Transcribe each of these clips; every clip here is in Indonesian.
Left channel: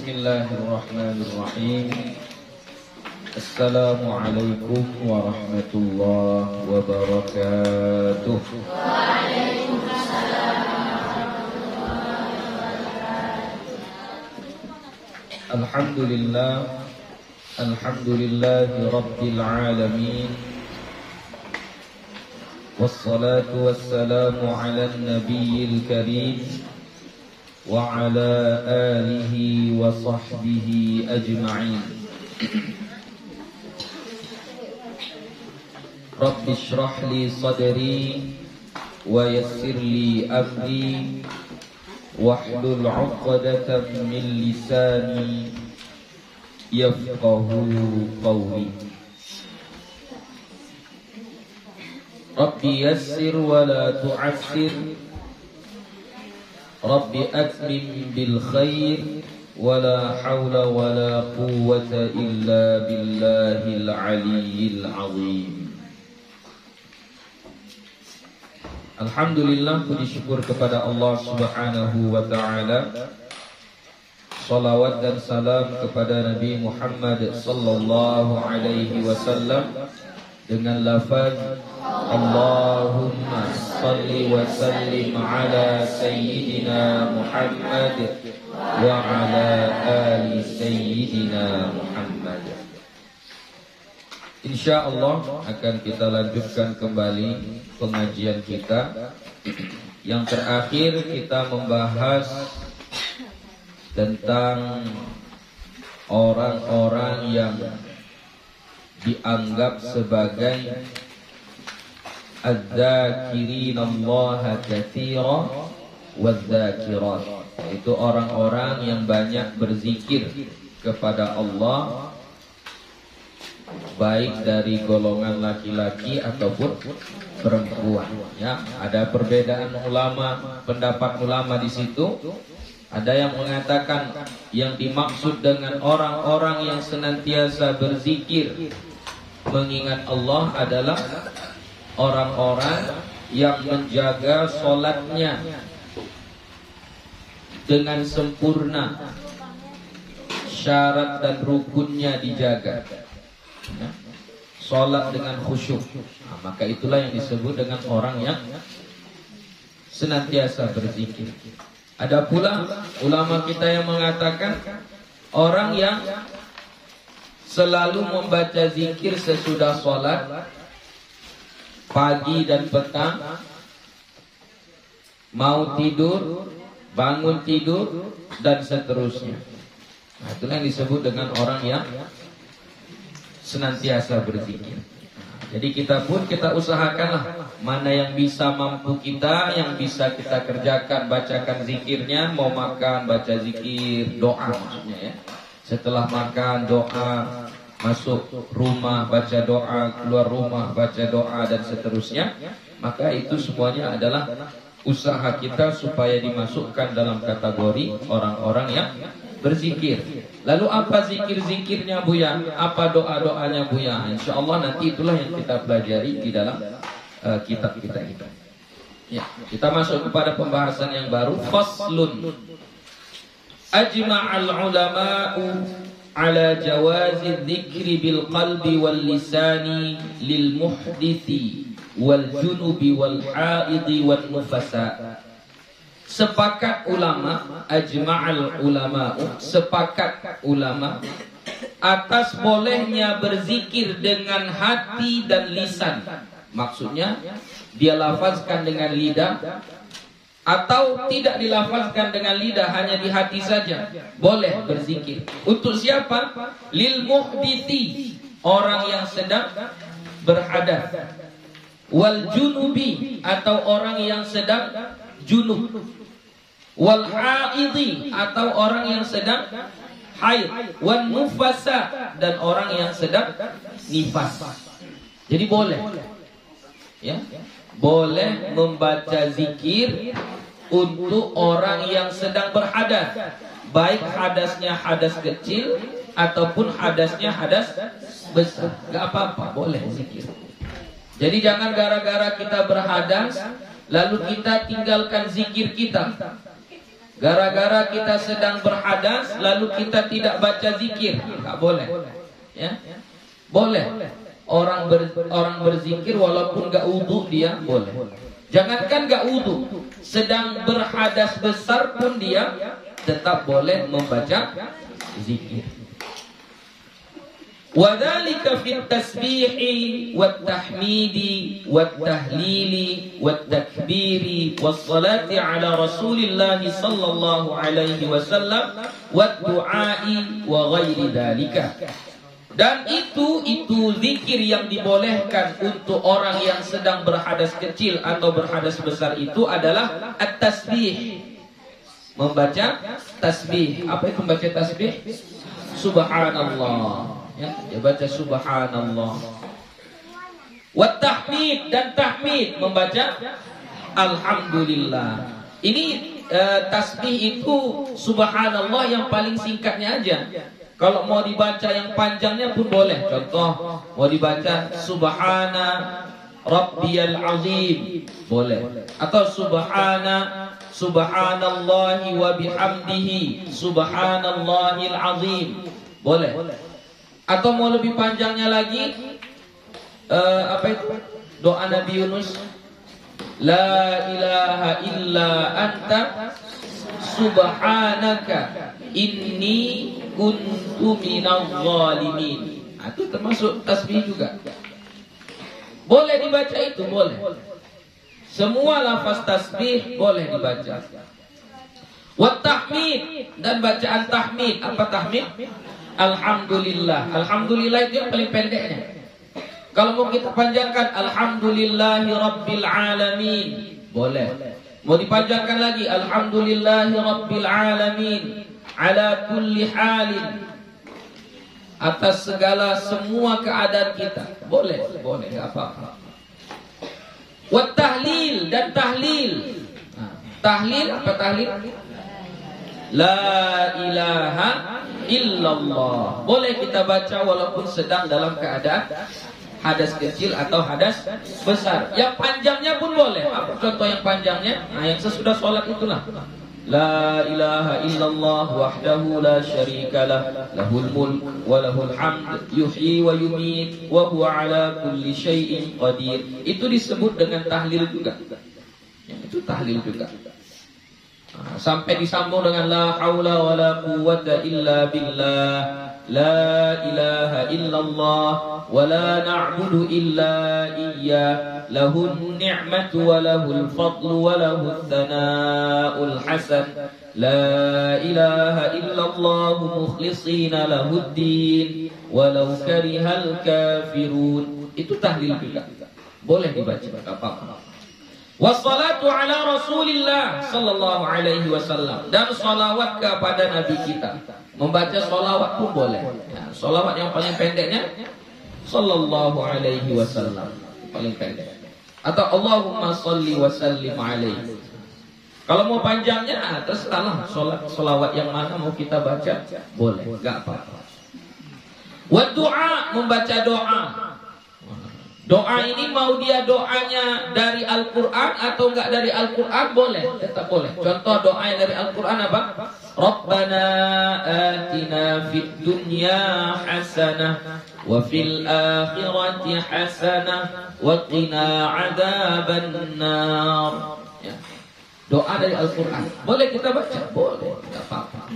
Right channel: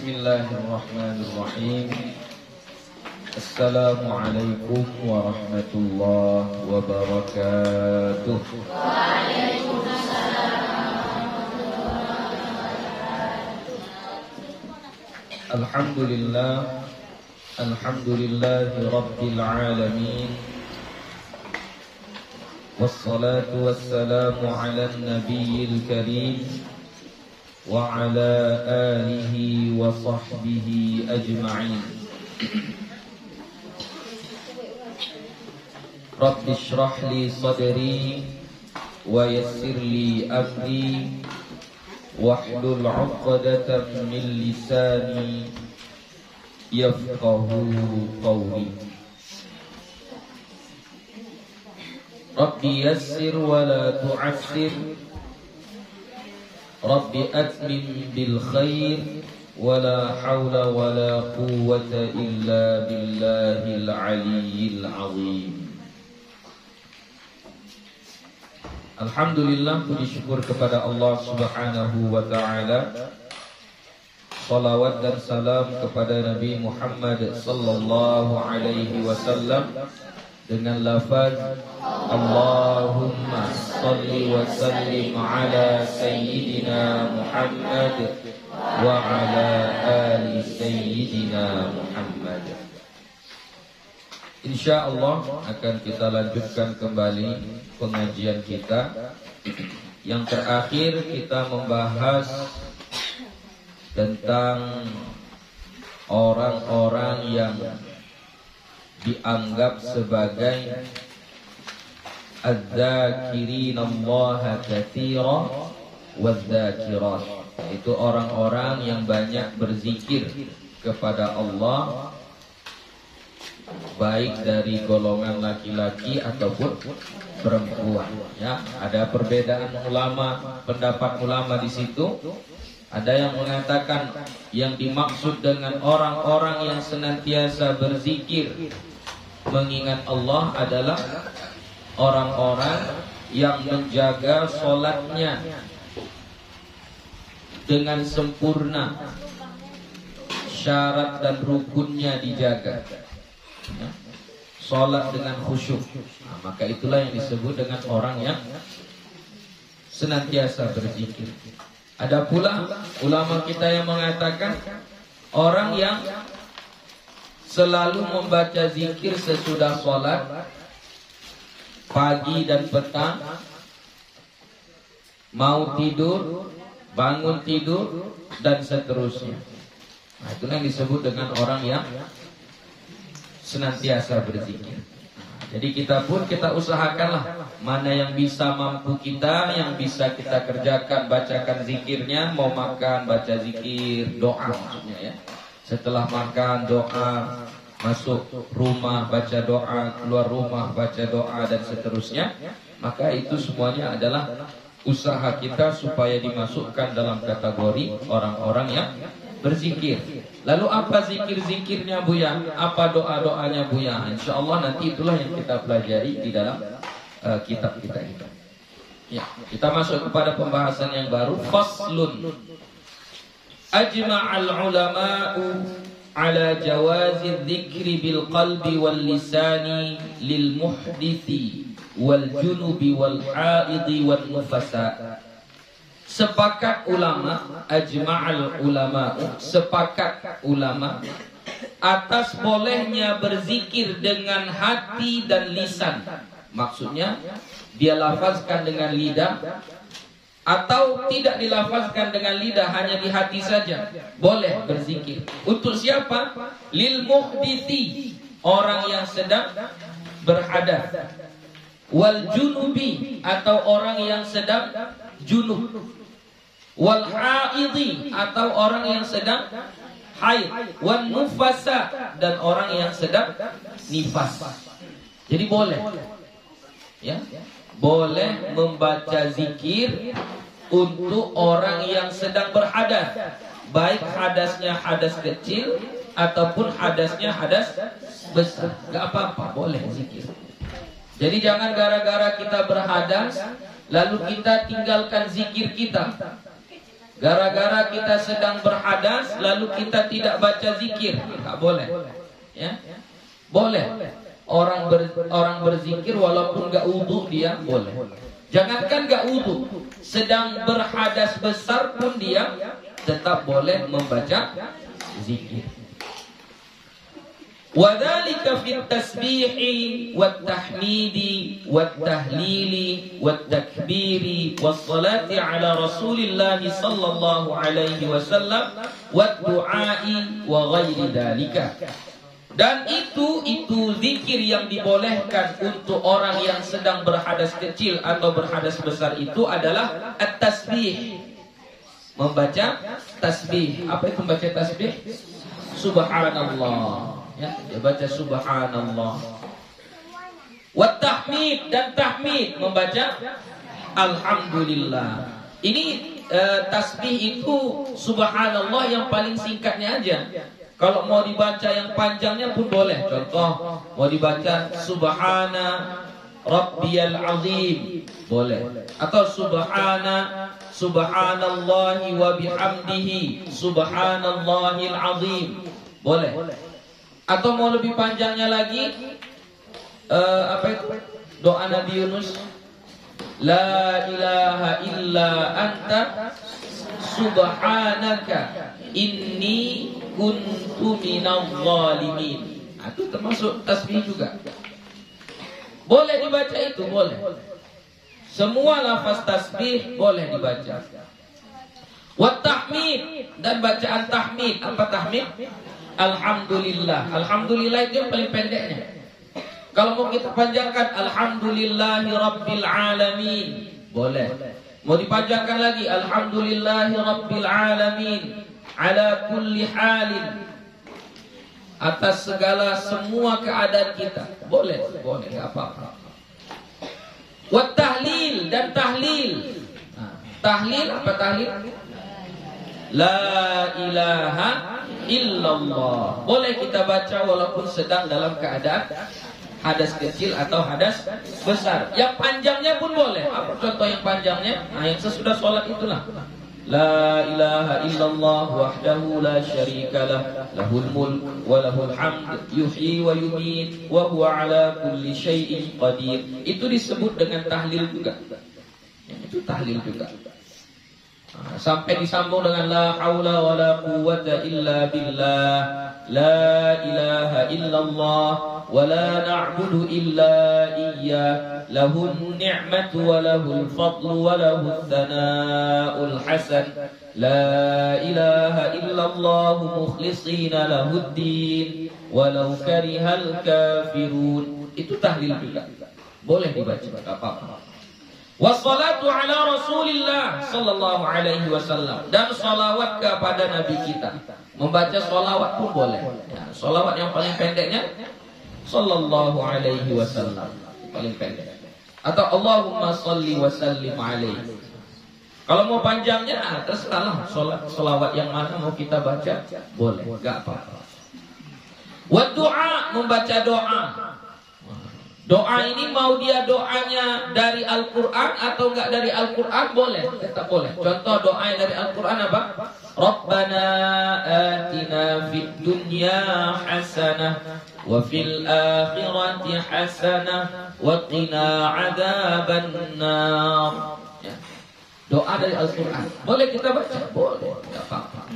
Bismillahirrahmanirrahim. Assalamualaikum warahmatullahi wabarakatuh. Alhamdulillah, alhamdulillahi rabbil alamin. Wassalatu wassalamu ala nabiyil karim wa ala alihi wa sahbihi ajma'in. Rabbi shrah li sadri wa yassir li amri wahlul 'uqdatam min lisani yafqahu qawli. Rabbi yassir wa la tu'assir, Rabbi atmim bil khair, wa la hawla wa la quwwata illa billahil aliyyil azim. Alhamdulillah, puji syukur kepada Allah Subhanahu wa ta'ala. Salawat dan salam kepada Nabi Muhammad sallallahu alaihi wasallam dengan lafaz Allahumma salli wa sallim ala sayyidina Muhammad wa ala ali sayyidina Muhammad. InsyaAllah akan kita lanjutkan kembali pengajian kita. Yang terakhir kita membahas tentang orang-orang yang dianggap sebagai adz-dzakirinallaha katsiran wadz-dzakirat, itu orang-orang yang banyak berzikir kepada Allah, baik dari golongan laki-laki ataupun perempuan. Ya, ada perbedaan ulama, pendapat ulama di situ. Ada yang mengatakan yang dimaksud dengan orang-orang yang senantiasa berzikir mengingat Allah adalah orang-orang yang menjaga sholatnya dengan sempurna, syarat dan rukunnya dijaga, ya. Sholat dengan khusyuk, nah, maka itulah yang disebut dengan orang yang senantiasa berzikir. Ada pula ulama kita yang mengatakan orang yang selalu membaca zikir sesudah sholat, pagi dan petang, mau tidur, bangun tidur, dan seterusnya. Nah, itulah yang disebut dengan orang yang senantiasa berzikir. Nah, jadi kita usahakanlah mana yang bisa mampu kita, yang bisa kita kerjakan, bacakan zikirnya. Mau makan baca zikir, doa maksudnya ya. Setelah makan doa, masuk rumah baca doa, keluar rumah baca doa, dan seterusnya. Maka itu semuanya adalah usaha kita supaya dimasukkan dalam kategori orang-orang yang berzikir. Lalu apa zikir-zikirnya Buya? Apa doa-doanya Buya? InsyaAllah nanti itulah yang kita pelajari di dalam kitab kita itu. Ya, kita masuk kepada pembahasan yang baru. Faslun. Ajma'al ulama'u ala jawazi dzikri bil qalbi wal lisani lil muhdithi wal junubi wal haidi wal nufasa. Sepakat ulama, ajma'al ulama'u, sepakat ulama atas bolehnya berzikir dengan hati dan lisan. Maksudnya dia lafazkan dengan lidah atau tidak dilafazkan dengan lidah, hanya di hati saja. Boleh berzikir. Untuk siapa? Lil muhdithi, orang yang sedang berhadas. Wal junubi, atau orang yang sedang junub. Wal haidi, atau orang yang sedang haid. Wan nufasa, dan orang yang sedang nifas. Jadi boleh, ya, boleh membaca zikir untuk orang yang sedang berhadas, baik hadasnya hadas kecil ataupun hadasnya hadas besar. Gak apa-apa, boleh zikir. Jadi jangan gara-gara kita berhadas lalu kita tinggalkan zikir kita. Gara-gara kita sedang berhadas lalu kita tidak baca zikir, enggak boleh. Ya. Boleh. Orang berzikir walaupun enggak wudu dia boleh. Jangankan enggak wudu, sedang berhadas besar pun dia tetap boleh membaca zikir. Wadzalika fit tasbihi wat tahmidi wat tahlili wat takbiri was salati ala Rasulillah sallallahu alaihi wasallam wat du'ai wa ghairi dzalika. Dan itu zikir yang dibolehkan untuk orang yang sedang berhadas kecil atau berhadas besar itu adalah at-tasbih. Membaca tasbih. Apa itu membaca tasbih? Subhanallah. Ya, dia baca subhanallah. Wat tahmid, dan tahmid membaca alhamdulillah. Ini tasbih itu subhanallah yang paling singkatnya aja. Kalau mau dibaca yang panjangnya pun boleh. Contoh, mau dibaca subhana rabbiyal azim, boleh. Atau subhanallahi wa bihamdihi subhanallahil azim, boleh. Atau mau lebih panjangnya lagi, apa itu? Doa Nabi Yunus, la ilaha illa anta subhanaka inni kuntu minadh dhalimin. Itu termasuk tasbih juga. Boleh dibaca itu, boleh. Semua lafaz tasbih boleh dibaca. Wat tahmid, dan bacaan tahmid. Apa tahmid? Alhamdulillah. Alhamdulillah itu yang paling pendeknya. Kalau mau kita panjangkan, alhamdulillahi rabbil alamin, boleh. Mau dipanjangkan lagi, alhamdulillahi rabbil alamin ala kulli halin, atas segala semua keadaan kita, boleh, enggak apa-apa. Wat tahlil, dan tahlil. Tahlil apa tahlil? La ilaha illallah. Boleh kita baca walaupun sedang dalam keadaan hadas kecil atau hadas besar. Yang panjangnya pun boleh. Apa contoh yang panjangnya? Nah, yang sesudah sholat itulah. La ilaha illallah wahdahu la syarika lah, lahul mulk wa lahul hamd, yuhyi wa yumit wa huwa ala kulli syai'in qadir. Itu disebut dengan tahlil juga. Itu tahlil juga. Sampai disambung dengan la haula wa la quwwata illa billah, la ilaha illallah wa la na'budu illa iyyah, lahun ni'matu wa lahul fadlu wa lahul thana'ul hasan, la ilaha illallah mukhlisina lahuddin walau karihal kafirun. Itu tahlil juga, boleh dibaca, enggak apa-apa. Wassalatu ala Rasulillah sallallahu alaihi wasallam, dan salawat kepada Nabi kita. Membaca salawat pun boleh. Ya, salawat yang paling pendeknya sallallahu alaihi wasallam, paling pendek. Atau Allahumma shalli wa sallim alaihi. Kalau mau panjangnya, terserah salawat yang mana mau kita baca, boleh, enggak apa-apa. Wa du'a, membaca doa. Doa ini mau dia doanya dari Al-Quran atau enggak dari Al-Quran, boleh, tetap boleh. Contoh doa yang dari Al-Quran apa? Rabbana atina fid dunya hasanah wa fil akhirati hasanah wa qina adzaban nar. Ya. Doa dari Al-Quran, boleh kita baca, boleh, enggak apa-apa.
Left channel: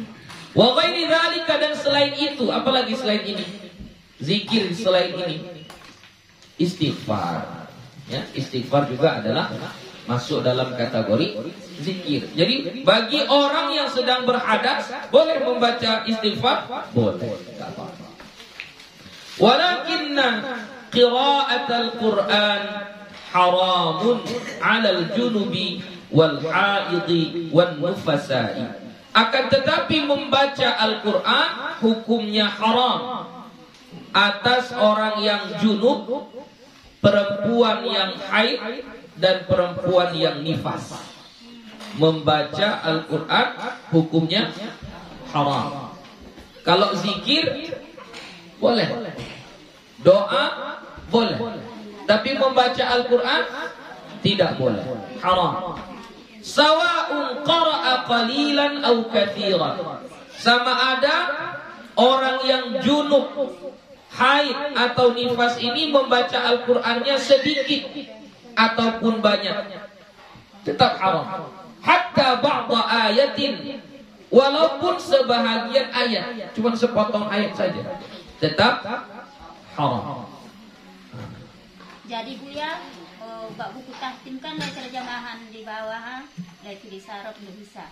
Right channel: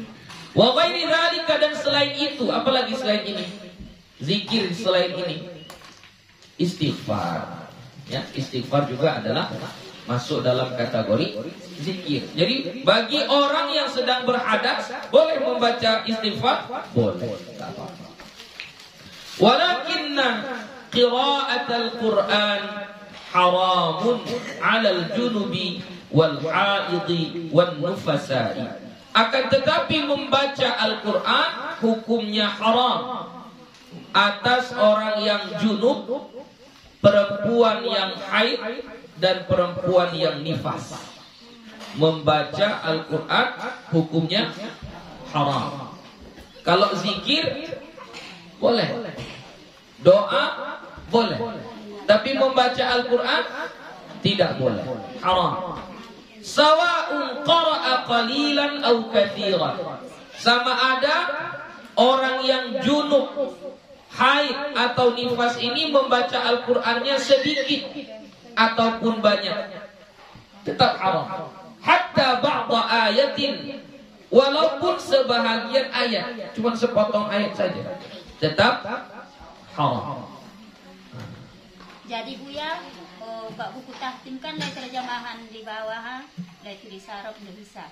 Wa ghairi dzalika, dan selain itu, apalagi selain ini? Zikir selain ini. Istighfar, ya, istighfar juga adalah masuk dalam kategori zikir. Jadi bagi orang yang sedang berhadas boleh membaca istighfar, boleh. Walakinna qira'atul Qur'an haramun 'alal junubi wal haidhi wan nufasa'i. Akan tetapi membaca Al-Qur'an hukumnya haram atas orang yang junub, perempuan yang haid, dan perempuan yang nifas. Membaca Al-Quran hukumnya haram. Kalau zikir boleh, doa boleh, tapi membaca Al-Quran tidak boleh, haram. Sawa'un qara'a qalilan aw katsiran. Sama ada orang yang junub, haid atau nifas ini membaca Al-Qur'annya sedikit ataupun banyak, tetap haram. Hatta ba'da ayatin, walaupun sebahagian ayat, cuma sepotong ayat saja, tetap haram. Jadi Buya, buka buku tahtim kan dari terjemahan di bawah, dari tulis Arab nggak bisa.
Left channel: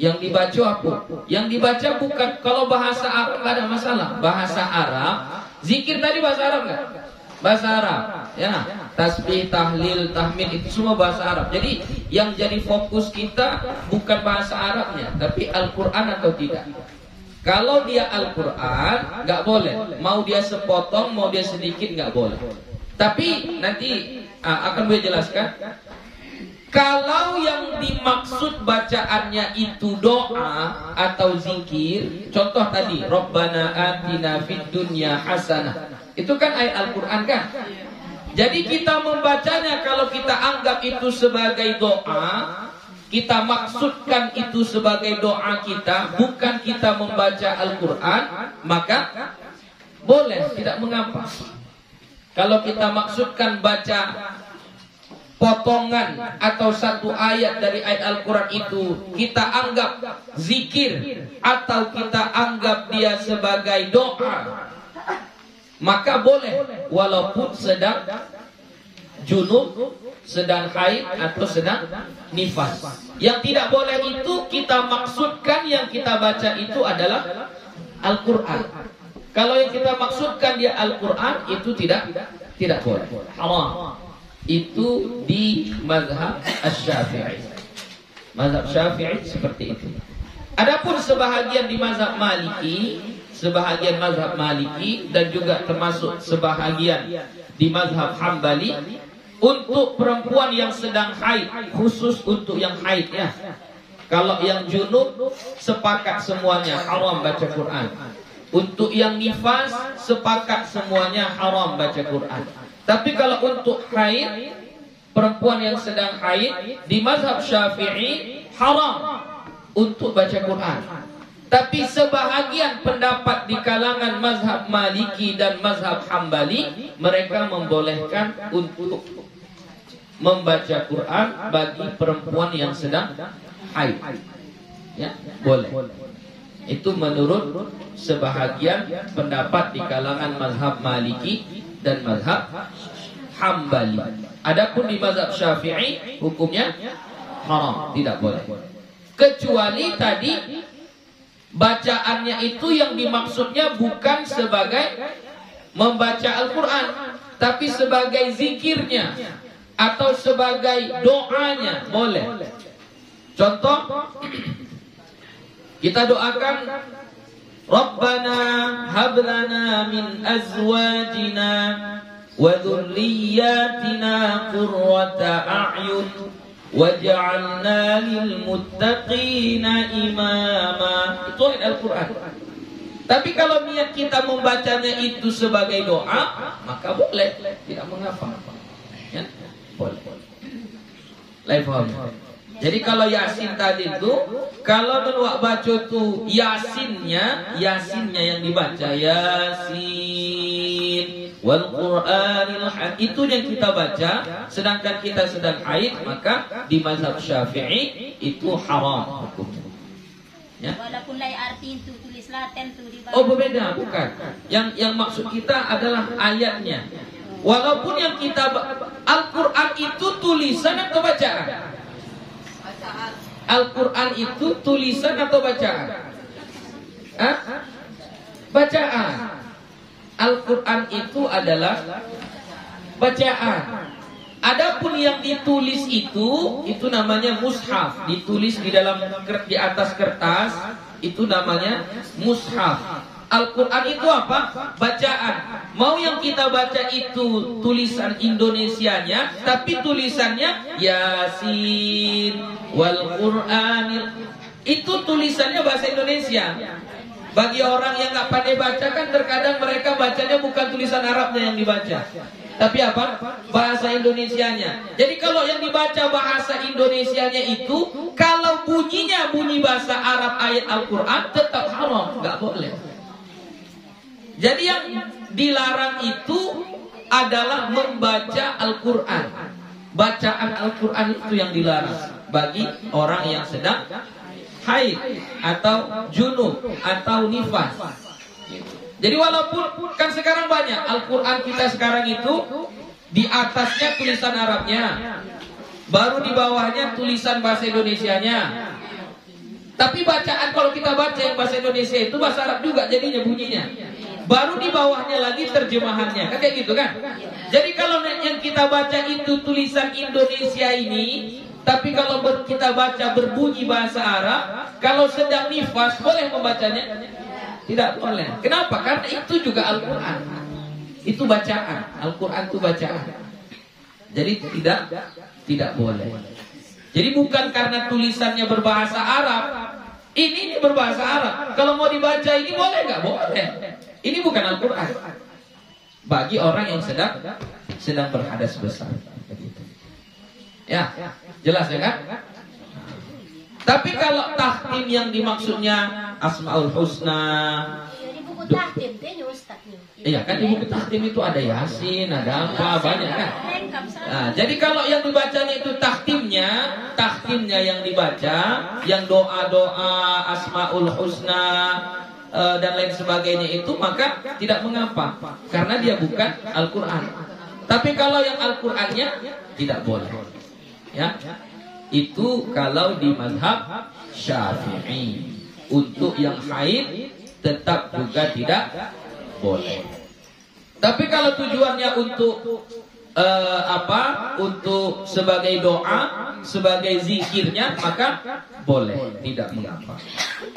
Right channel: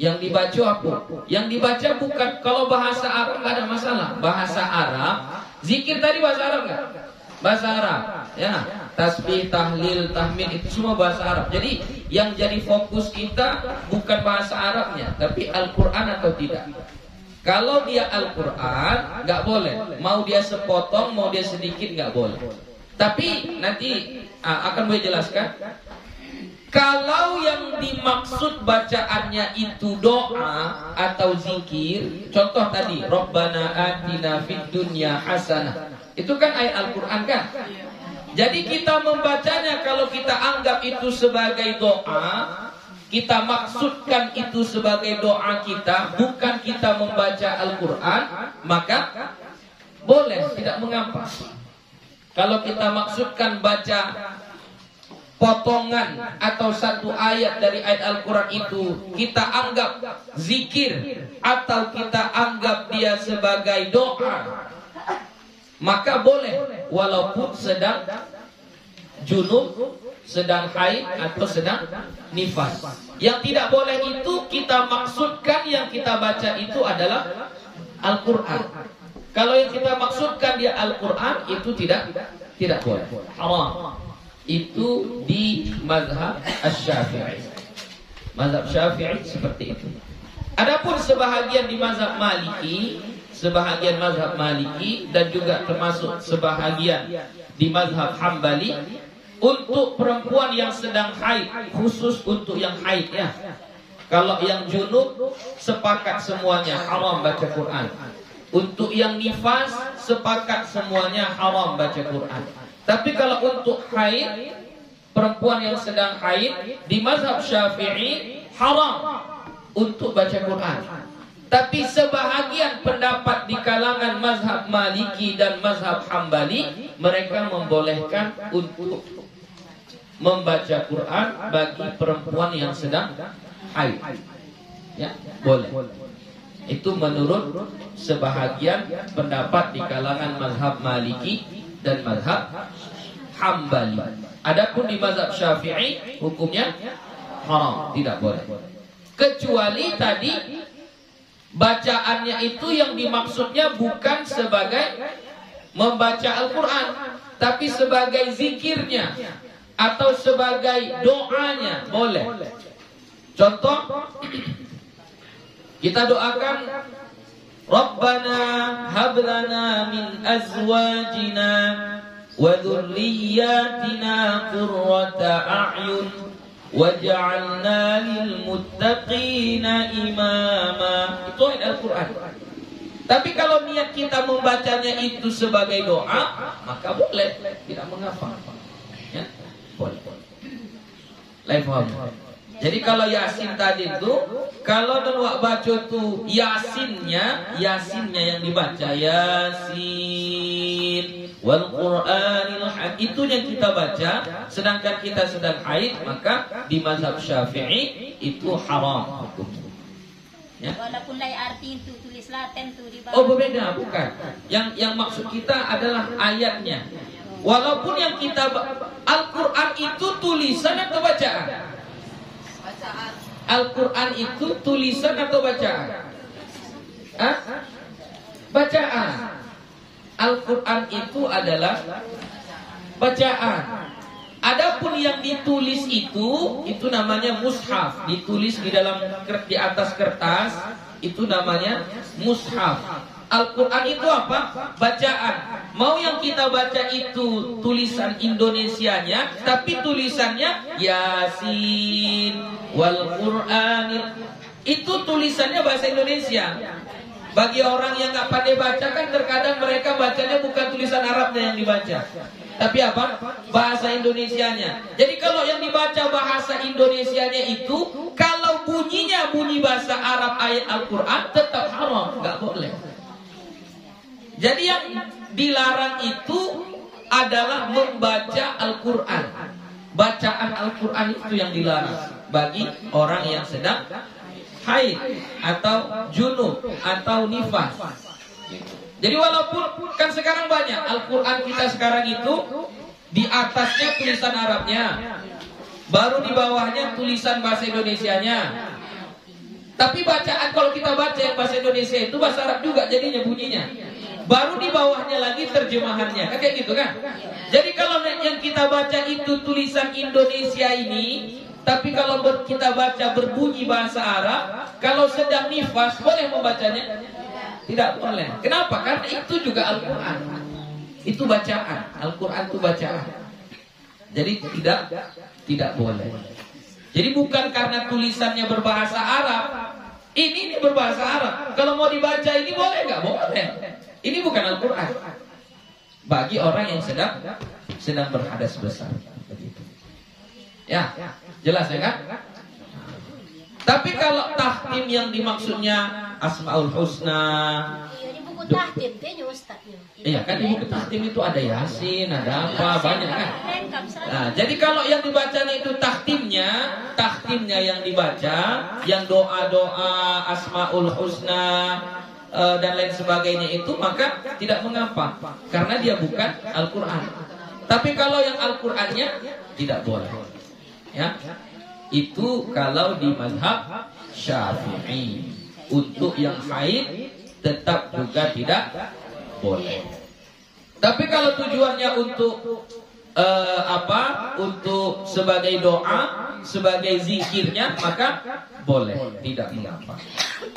Yang dibaca apa? Yang dibaca bukan, kalau bahasa Arab nggak ada masalah. Bahasa Arab, zikir tadi bahasa Arab nggak? Bahasa Arab, ya. Tasbih, tahlil, tahmid itu semua bahasa Arab. Jadi yang jadi fokus kita bukan bahasa Arabnya, tapi Al-Quran atau tidak. Kalau dia Al-Quran nggak boleh, mau dia sepotong, mau dia sedikit nggak boleh. Tapi nanti akan gue jelaskan. Kalau yang dimaksud bacaannya itu doa atau zikir, contoh tadi, Rabbana atina fid dunya hasanah, itu kan ayat Al-Quran kan? Jadi kita membacanya, kalau kita anggap itu sebagai doa, kita maksudkan itu sebagai doa kita, bukan kita membaca Al-Quran, maka boleh, tidak mengapa. Kalau kita maksudkan baca potongan atau satu ayat dari ayat Al-Quran itu, kita anggap zikir atau kita anggap dia sebagai doa, maka boleh, walaupun sedang junub, sedang haid atau sedang nifas. Yang tidak boleh itu kita maksudkan yang kita baca itu adalah Al-Quran. Kalau yang kita maksudkan dia Al-Quran, itu tidak boleh, haram. Itu di mazhab Asy-Syafi'i. Mazhab Syafi'i seperti itu. Adapun sebahagian di mazhab Maliki, sebahagian mazhab Maliki dan juga termasuk sebahagian di mazhab Hambali, untuk perempuan yang sedang haid, khusus untuk yang haid ya. Kalau yang junub sepakat semuanya haram baca Quran. Untuk yang nifas sepakat semuanya haram baca Quran. Tapi kalau untuk haid, perempuan yang sedang haid, di mazhab Syafi'i haram untuk baca Quran. Tapi sebahagian pendapat di kalangan mazhab Maliki dan mazhab Hambali, mereka membolehkan untuk membaca Quran bagi perempuan yang sedang haid. Ya, boleh. Itu menurut sebahagian pendapat di kalangan mazhab Maliki dan mazhab Hambali. Adapun di mazhab Syafi'i hukumnya haram, tidak boleh. Kecuali tadi bacaannya itu yang dimaksudnya bukan sebagai membaca Al-Quran, tapi sebagai zikirnya atau sebagai doanya, boleh. Contoh, kita doakan Rabbana hablana min azwajina wa dhurriyyatina qurrata a'yun waj'alna lil muttaqina imama. Itu ayat Al-Quran. Tapi kalau niat kita membacanya itu sebagai doa, maka boleh, tidak mengapa. Ya, boleh. Lain paham. Jadi kalau Yasin tadi itu, kalau wak baca itu Yasinnya yang dibaca Yasin wal Qur'anil Hakim, itu yang kita baca. Sedangkan kita sedang haid, maka di mazhab Syafi'i itu haram hukumnya. Ya. Walaupun lain arti itu tulis Latin itu di bawah. Oh, berbeda, bukan. Yang maksud kita adalah ayatnya. Walaupun yang kita Al-Quran itu tulisan atau bacaan? Al-Quran itu tulisan atau bacaan? Bacaan. Al-Quran itu adalah bacaan. Adapun yang ditulis itu namanya mushaf, ditulis di atas kertas, itu namanya mushaf. Al-Quran itu apa? Bacaan. Mau yang kita baca itu tulisan Indonesianya, tapi tulisannya Yasin wal Qur'anil, itu tulisannya bahasa Indonesia. Bagi orang yang nggak pandai baca kan terkadang mereka bacanya bukan tulisan Arabnya yang dibaca, tapi apa? Bahasa Indonesianya. Jadi kalau yang dibaca bahasa Indonesianya itu, kalau bunyinya bunyi bahasa Arab ayat Al-Quran, tetap haram, nggak boleh. Jadi yang dilarang itu adalah membaca Al-Quran. Bacaan Al-Quran itu yang dilarang bagi orang yang sedang haid atau junub atau nifas. Jadi walaupun kan sekarang banyak Al-Quran kita sekarang itu di atasnya tulisan Arabnya, baru di bawahnya tulisan bahasa Indonesianya. Tapi bacaan kalau kita baca yang bahasa Indonesia itu bahasa Arab juga jadinya bunyinya. Baru di bawahnya lagi terjemahannya, kan kayak gitu kan? Jadi kalau yang kita baca itu tulisan Indonesia ini, tapi kalau kita baca berbunyi bahasa Arab, kalau sedang nifas boleh membacanya? Tidak boleh. Kenapa? Karena itu juga Al-Quran. Itu bacaan. Al-Quran itu bacaan. Jadi tidak boleh. Jadi bukan karena tulisannya berbahasa Arab. Ini berbahasa Arab. Kalau mau dibaca ini boleh nggak? Boleh. Ini bukan Al-Quran. Bagi orang yang sedang berhadas besar. Begitu. Ya, jelas ya kan? Tapi kalau tahtim yang dimaksudnya Asmaul Husna, di buku tahtim itu Ustaz. iya kan di buku tahtim itu ada Yasin, ada apa banyak kan. Nah, jadi kalau yang dibacanya itu tahtimnya yang dibaca, yang doa-doa Asmaul Husna dan lain sebagainya itu, maka tidak mengapa karena dia bukan Al-Quran. Tapi kalau yang Al-Qurannya tidak boleh. Ya. Itu kalau di mazhab Syafi'i. Untuk yang haid tetap juga tidak boleh. Tapi kalau tujuannya untuk untuk sebagai doa, sebagai zikirnya, maka boleh, tidak mengapa.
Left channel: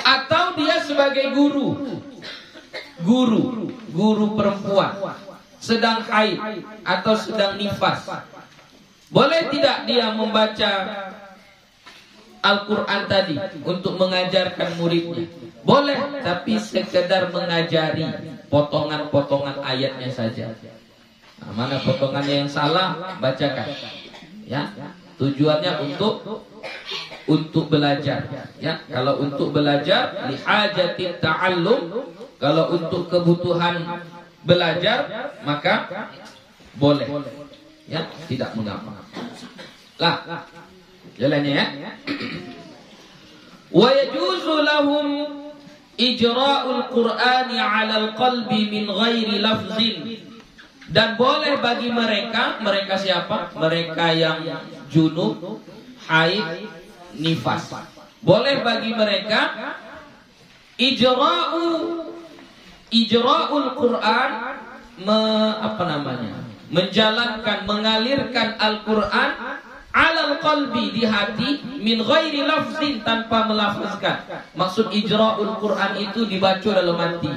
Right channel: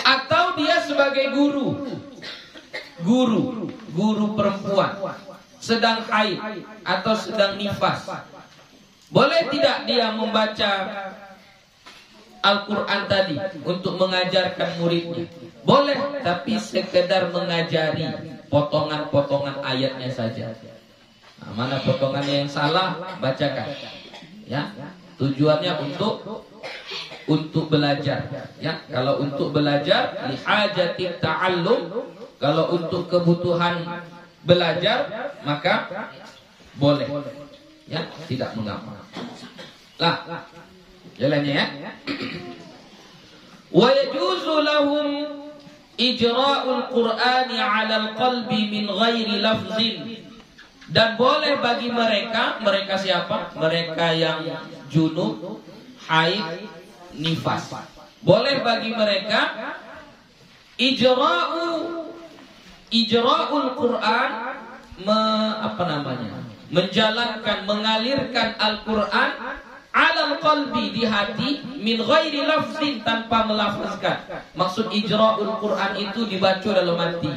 Atau dia sebagai guru perempuan sedang haid atau sedang nifas, boleh tidak dia membaca Al-Quran tadi untuk mengajarkan muridnya? Boleh, tapi sekedar mengajari potongan-potongan ayatnya saja. Nah, mana potongannya yang salah, bacakan. Ya, tujuannya untuk belajar. Ya, kalau untuk belajar lihajatit ta'allum, kalau untuk kebutuhan belajar maka boleh. Ya, tidak mengapa. Lah, jalannya ya. Wa yajuzu lahum ijra'ul Qur'ani 'alal qalbi min ghairi lafzin. Dan boleh bagi mereka siapa? Mereka yang junub, haid, nifas. Boleh bagi mereka ijra'ul Qur'an, menjalankan, mengalirkan Al-Quran alal qalbi, di hati, min ghairi lafzin, tanpa melafazkan. Maksud ijra'ul Quran itu dibaca dalam hati.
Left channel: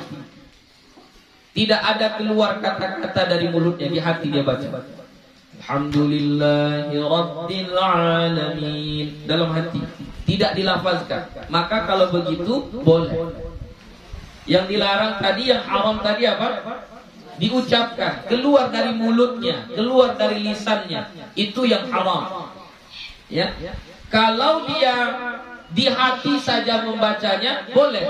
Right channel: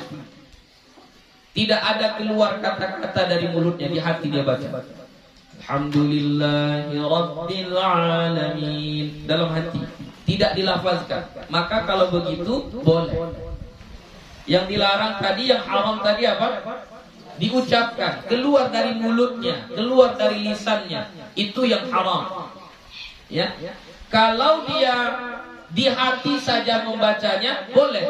Tidak ada keluar kata-kata dari mulutnya, di hati dia baca. Alhamdulillahi Rabbil Alamin, dalam hati, tidak dilafazkan. Maka kalau begitu boleh. Yang dilarang tadi, yang haram tadi apa? Diucapkan, keluar dari mulutnya, keluar dari lisannya, itu yang haram. Ya, kalau dia di hati saja membacanya boleh.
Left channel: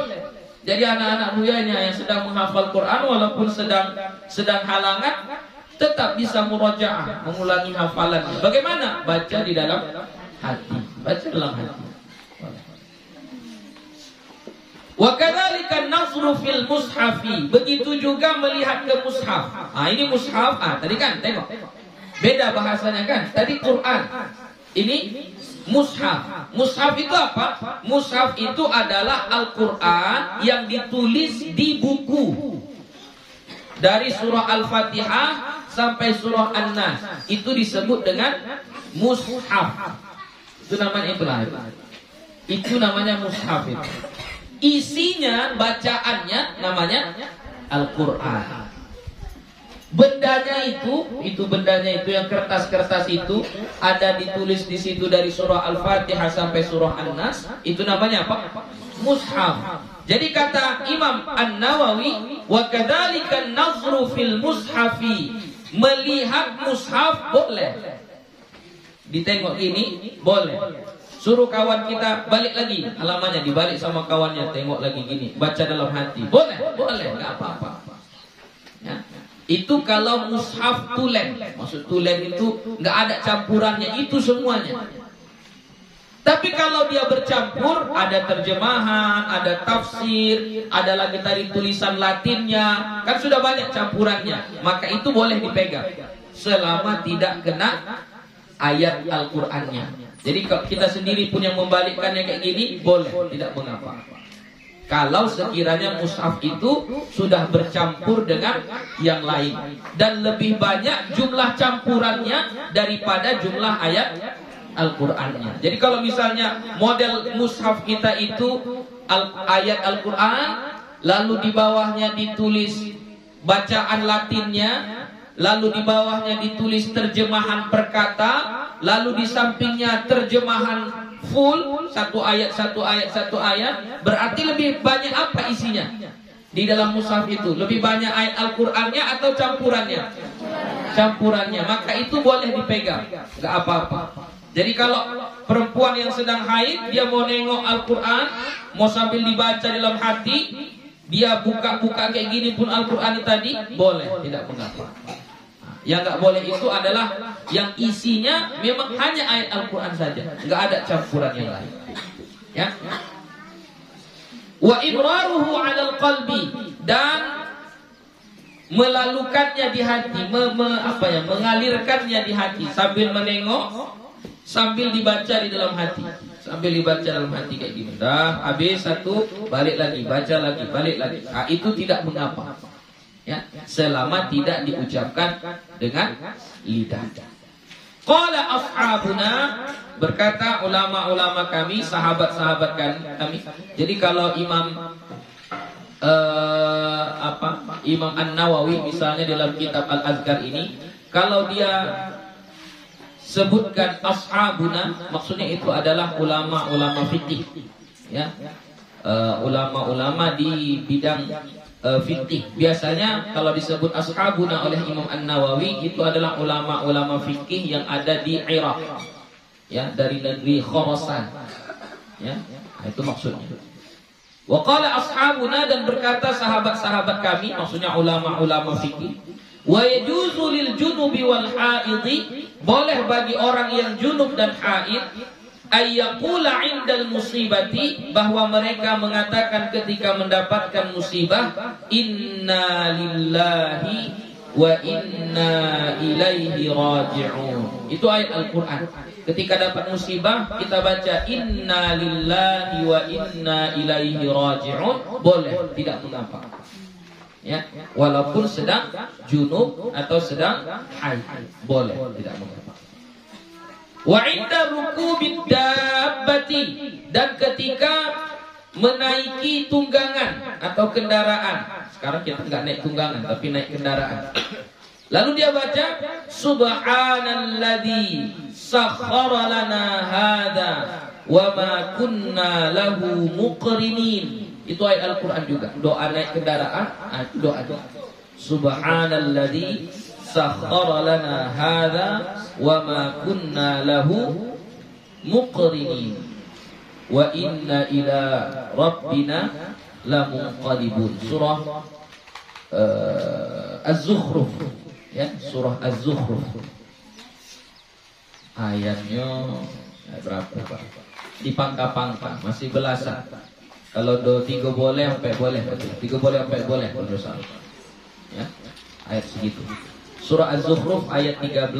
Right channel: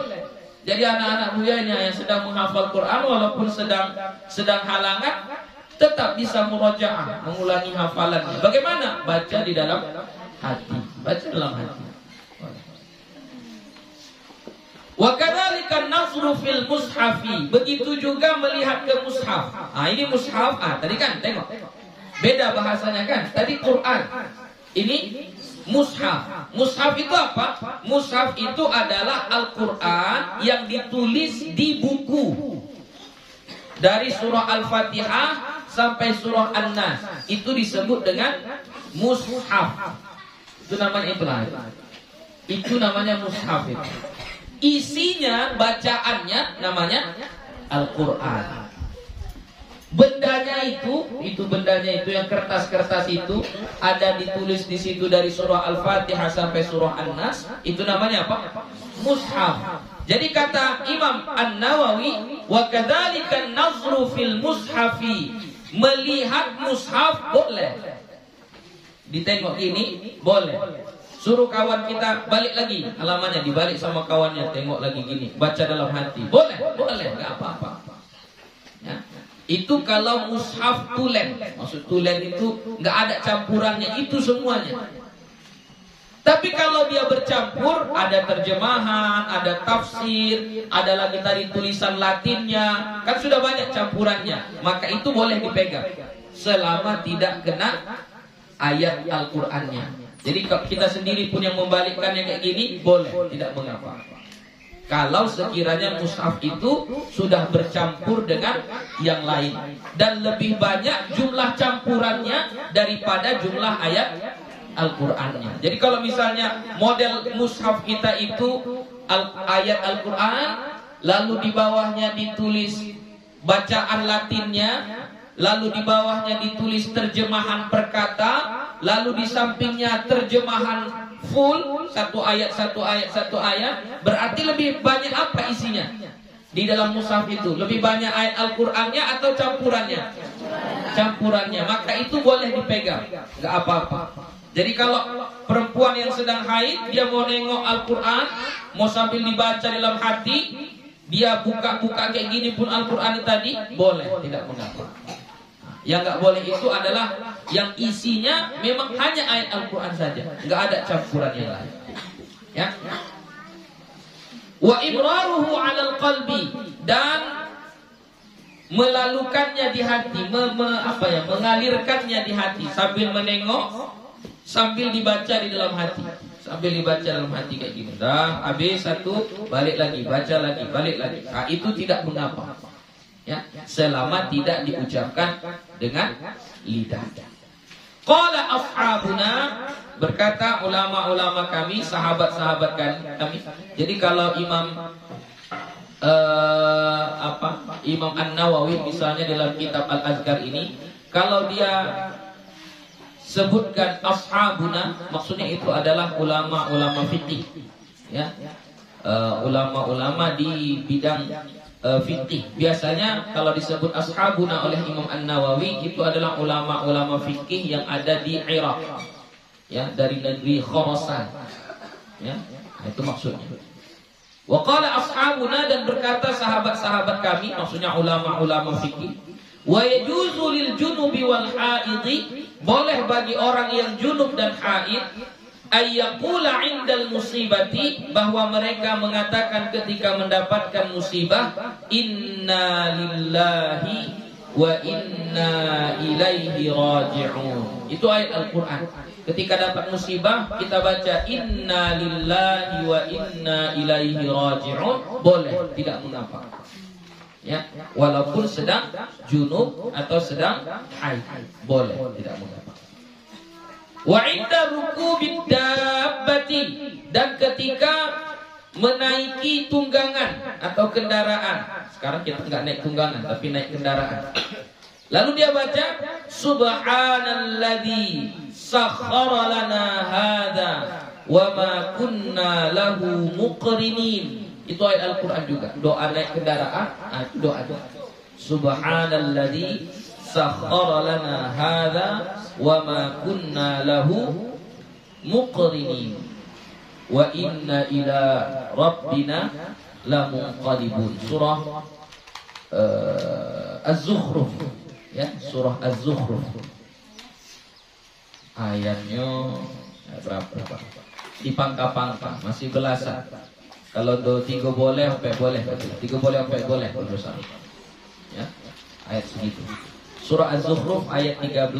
Jadi anak-anak buyanya yang sedang menghafal Quran, walaupun sedang halangan, tetap bisa murajaah, mengulangi hafalannya. Bagaimana? Baca di dalam hati, baca dalam hati. Wa kadzalika nazru fil mushafi, begitu juga melihat ke mushaf. Ini mushaf. Tadi kan tengok. Beda bahasanya kan? Tadi Quran. Ini mushaf. Mushaf itu apa? Mushaf itu adalah Al-Quran yang ditulis di buku. Dari surah Al-Fatihah sampai surah An-Nas. Itu disebut dengan mushaf. Itu namanya mushaf itu. Isinya, bacaannya namanya Al-Quran. Bendanya itu yang kertas-kertas itu ada ditulis di situ dari surah Al-Fatihah sampai surah An-Nas, itu namanya apa? Mushaf. Jadi kata Imam An-Nawawi, wa kadzalika nazru fil mushafi Melihat mushaf boleh. Ditengok gini boleh. Suruh kawan kita balik lagi halamannya, dibalik sama kawannya, tengok lagi gini, baca dalam hati. Boleh, nggak apa-apa. Ya. Itu kalau mushaf tulen. Maksud tulen itu nggak ada campurannya, itu semuanya. Tapi kalau dia bercampur, ada terjemahan, ada tafsir, ada lagi tadi tulisan Latinnya, kan sudah banyak campurannya. Maka itu boleh dipegang selama tidak kena ayat Al-Qur'annya. Jadi kalau kita sendiri pun yang membalikkannya kayak gini, boleh, tidak mengapa. Kalau sekiranya mushaf itu sudah bercampur dengan yang lain dan lebih banyak jumlah campurannya daripada jumlah ayat Al-Qur'annya. Jadi kalau misalnya model mushaf kita itu ayat Al-Qur'an, lalu di bawahnya ditulis bacaan Latinnya, lalu di bawahnya ditulis terjemahan per kata, lalu di sampingnya terjemahan full, satu ayat, berarti lebih banyak apa isinya di dalam mushaf itu? Lebih banyak ayat Al-Qur'annya atau campurannya? Campurannya. Maka itu boleh dipegang, nggak apa-apa. Jadi kalau perempuan yang sedang haid, dia mau nengok Al-Qur'an, mau sambil dibaca dalam hati, dia buka-buka kayak gini pun Al-Qur'an tadi, boleh, tidak mengapa. Yang nggak boleh itu adalah yang isinya memang hanya ayat Al-Qur'an saja, nggak ada campuran yang lain. Ya. Wa ibraruhu 'alal qalbi, dan melalukannya di hati, mengalirkannya di hati sambil menengok, sambil dibaca di dalam hati, sambil dibaca dalam hati kayak gini. Dah habis satu, balik lagi, baca lagi, balik lagi. Nah, itu tidak mengapa. Ya, selama tidak diucapkan dengan lidah. Qala ashabuna, berkata ulama-ulama kami, sahabat-sahabat kami. Jadi kalau Imam An-Nawawi misalnya dalam kitab Al-Azkar ini, kalau dia sebutkan ashabuna, maksudnya itu adalah ulama-ulama fikih, ya, ulama-ulama di bidang fikih. Biasanya kalau disebut ashabuna oleh Imam An-Nawawi, itu adalah ulama-ulama fikih yang ada di Irak, ya, dari negeri Khurasan, ya, itu maksudnya. Wa qala ashabuna, dan berkata sahabat-sahabat kami, maksudnya ulama-ulama fikih, wa yajuzu lil junubi wal haidhi, boleh bagi orang yang junub dan haid, ayyaqula indal musibati, bahwa mereka mengatakan ketika mendapatkan musibah, inna lillahi wa inna ilaihi raji'un. Itu ayat Al-Qur'an. Ketika dapat musibah kita baca inna lillahi wa inna ilaihi raji'un, boleh, tidak mengapa. Ya, walaupun sedang junub atau sedang haid, boleh, tidak mengapa. Wa inda rukubid dabbati, dan ketika menaiki tunggangan atau kendaraan. Sekarang kita nggak naik tunggangan tapi naik kendaraan. Lalu dia baca subhanalladzi sakhkhara lana hadza wa ma kunna lahu muqrinin. Itu ayat Al-Qur'an juga. Doa naik kendaraan, itu doa. Subhanalladzi sakhkhara lana hadza wa ma kunna lahu muqrinin wa inna ila rabbina lamunqalibun. Surah Az-Zukhruf, ya, surah Az-Zukhruf. Ayatnya berapa, Pak? Dipangka-pangka, masih belasan. Kalau 3 boleh, 4 boleh, 3 boleh, 4 boleh, ya, ayat segitu. Surah Az-Zukhruf ayat 13.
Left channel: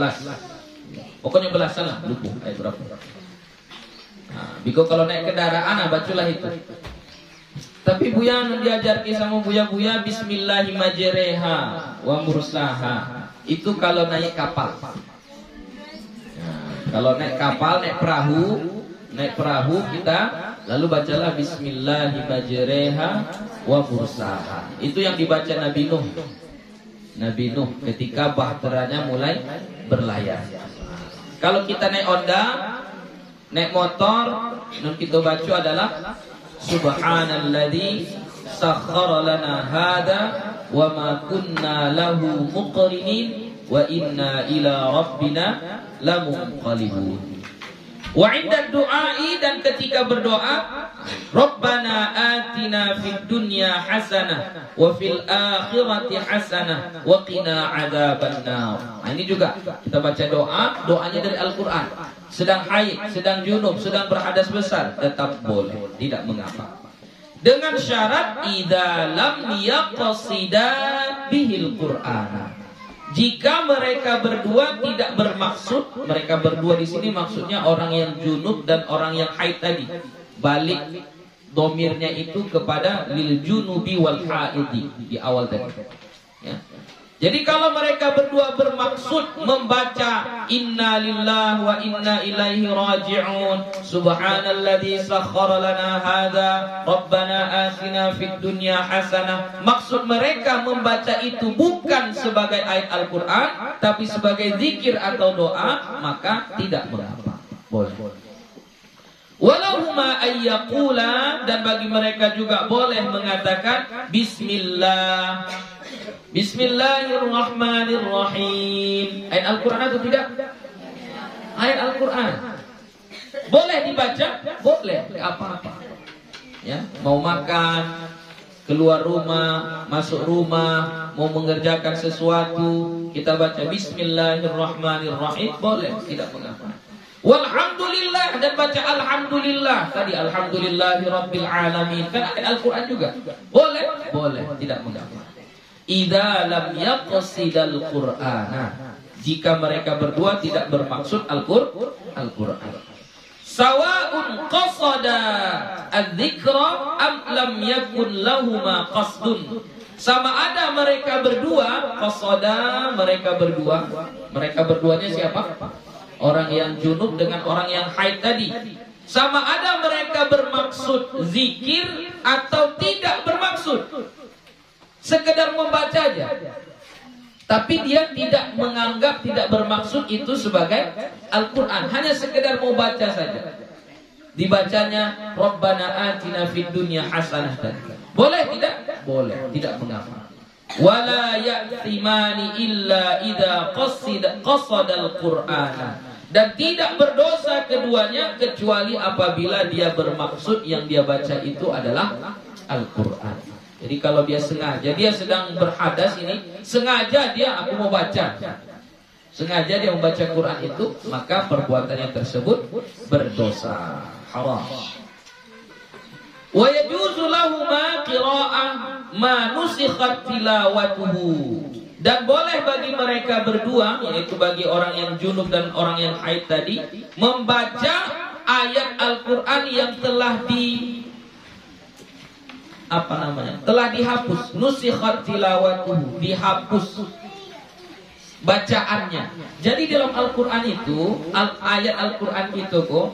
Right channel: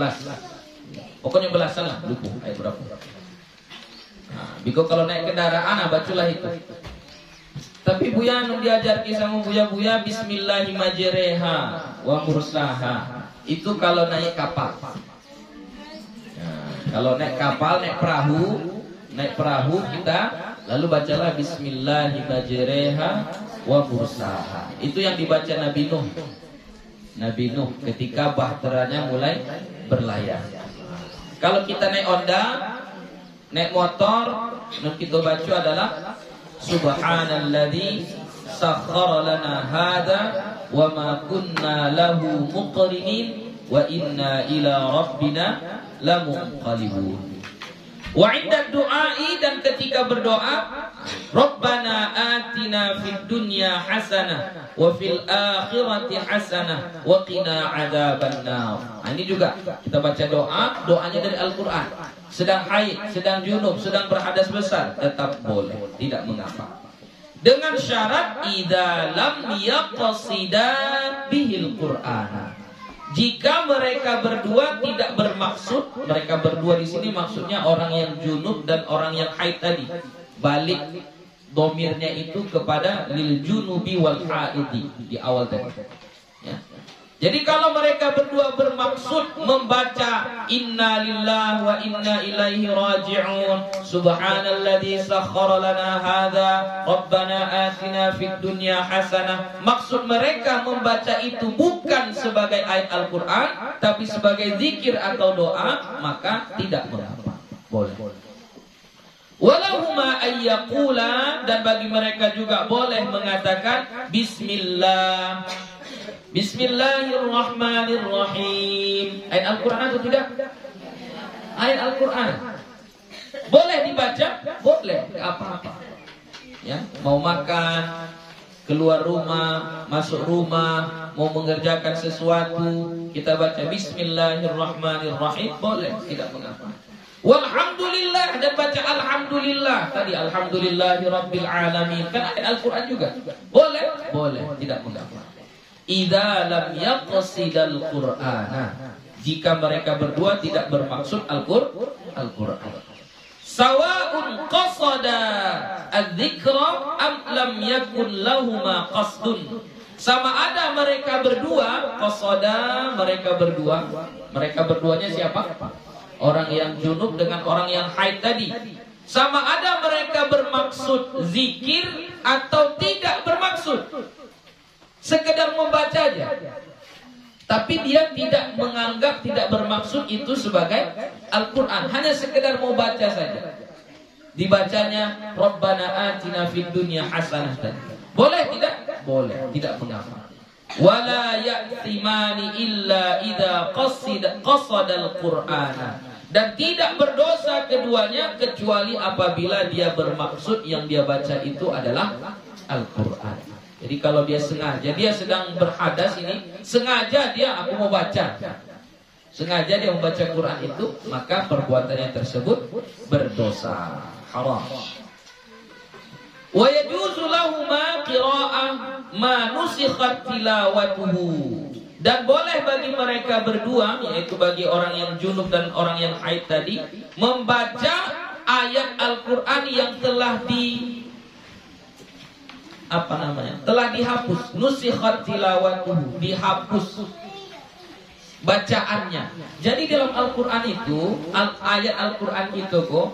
Pokoknya belasan lah, lupa ayat berapa. Nah, biko kalau naik kendaraan, bacalah itu. Tapi Buya diajar sama Buya bismillahimajreha wa mursaha. Itu kalau naik kapal. Nah, kalau naik kapal, naik perahu kita lalu bacalah bismillahimajreha wa mursaha. Itu yang dibaca Nabi Nuh ketika bahteranya mulai berlayar. Kalau kita naik Honda, naik motor, yang kita baca adalah subhanalladzi sakhkhara lana hadza wa ma kunna lahu muqrinin wa inna ila rabbina lamunqalibun. Wa 'inda du'ai, dan ketika berdoa, Rabbana atina fid dunya hasanah wa fil akhirati hasanah wa qina adzabannar. Nah, ini juga kita baca doanya dari Al-Qur'an. Sedang haid, sedang junub, sedang berhadas besar, tetap boleh, tidak mengapa. Dengan syarat idza lam yaqsida bihil Qur'ana. Jika mereka berdua tidak bermaksud, mereka berdua di sini maksudnya orang yang junub dan orang yang haid tadi. Balik domirnya itu kepada lil junubi wal haidi di awal tadi. Ya. Jadi kalau mereka berdua bermaksud membaca inna lillahi wa inna ilaihi raji'un, subhanalladzi sakhkhara lana hadza, rabbana atina fid dunya hasanah. Maksud mereka membaca itu bukan sebagai ayat Al-Qur'an, tapi sebagai zikir atau doa, maka tidak mengapa. Boleh. Walahuma ayyaqula, dan bagi mereka juga boleh mengatakan bismillah. Bismillahirrahmanirrahim. Ayat Al-Quran atau tidak? Ayat Al-Quran. Boleh dibaca? Boleh. Apa-apa. Ya, mau makan, keluar rumah, masuk rumah, mau mengerjakan sesuatu, kita baca Bismillahirrahmanirrahim. Boleh, tidak mengapa. Walhamdulillah, dan baca alhamdulillah. Tadi alhamdulillahi rabbil alamin. Kan ayat Al-Quran juga. Boleh? Boleh, tidak mengapa. Idza lam yaqsidal Qur'ana, jika mereka berdua tidak bermaksud Al-Qur'an. Sawa'un qasada adz-dzikra am lam yakun lahuma qasdun. Sama ada mereka berdua qasada, mereka berduanya siapa? Orang yang junub dengan orang yang haid tadi. Sama ada mereka bermaksud zikir atau tidak bermaksud, sekedar membaca aja, tapi dia tidak menganggap, tidak bermaksud itu sebagai Al-Quran, hanya sekedar mau baca saja. Dibacanya Rabbana atina fid dunya hasanah tadi. Boleh tidak? Boleh, tidak mengapa. Wala ya'thimani illa idza qasadal Qur'ana, dan tidak berdosa keduanya kecuali apabila dia bermaksud yang dia baca itu adalah Al-Quran. Jadi kalau dia sengaja, dia sedang berhadas ini, sengaja aku mau baca, sengaja dia membaca Quran itu, maka perbuatannya tersebut berdosa, haram. Wa yajuzu lahuma qira'ah ma nusikhat tilawatuhu, dan boleh bagi mereka berdua, yaitu bagi orang yang junub dan orang yang haid tadi, membaca ayat Al-Quran yang telah telah dihapus, nusikhat tilawatuhu, dihapus bacaannya. Jadi dalam Al-Quran itu, ayat Al-Quran itu kok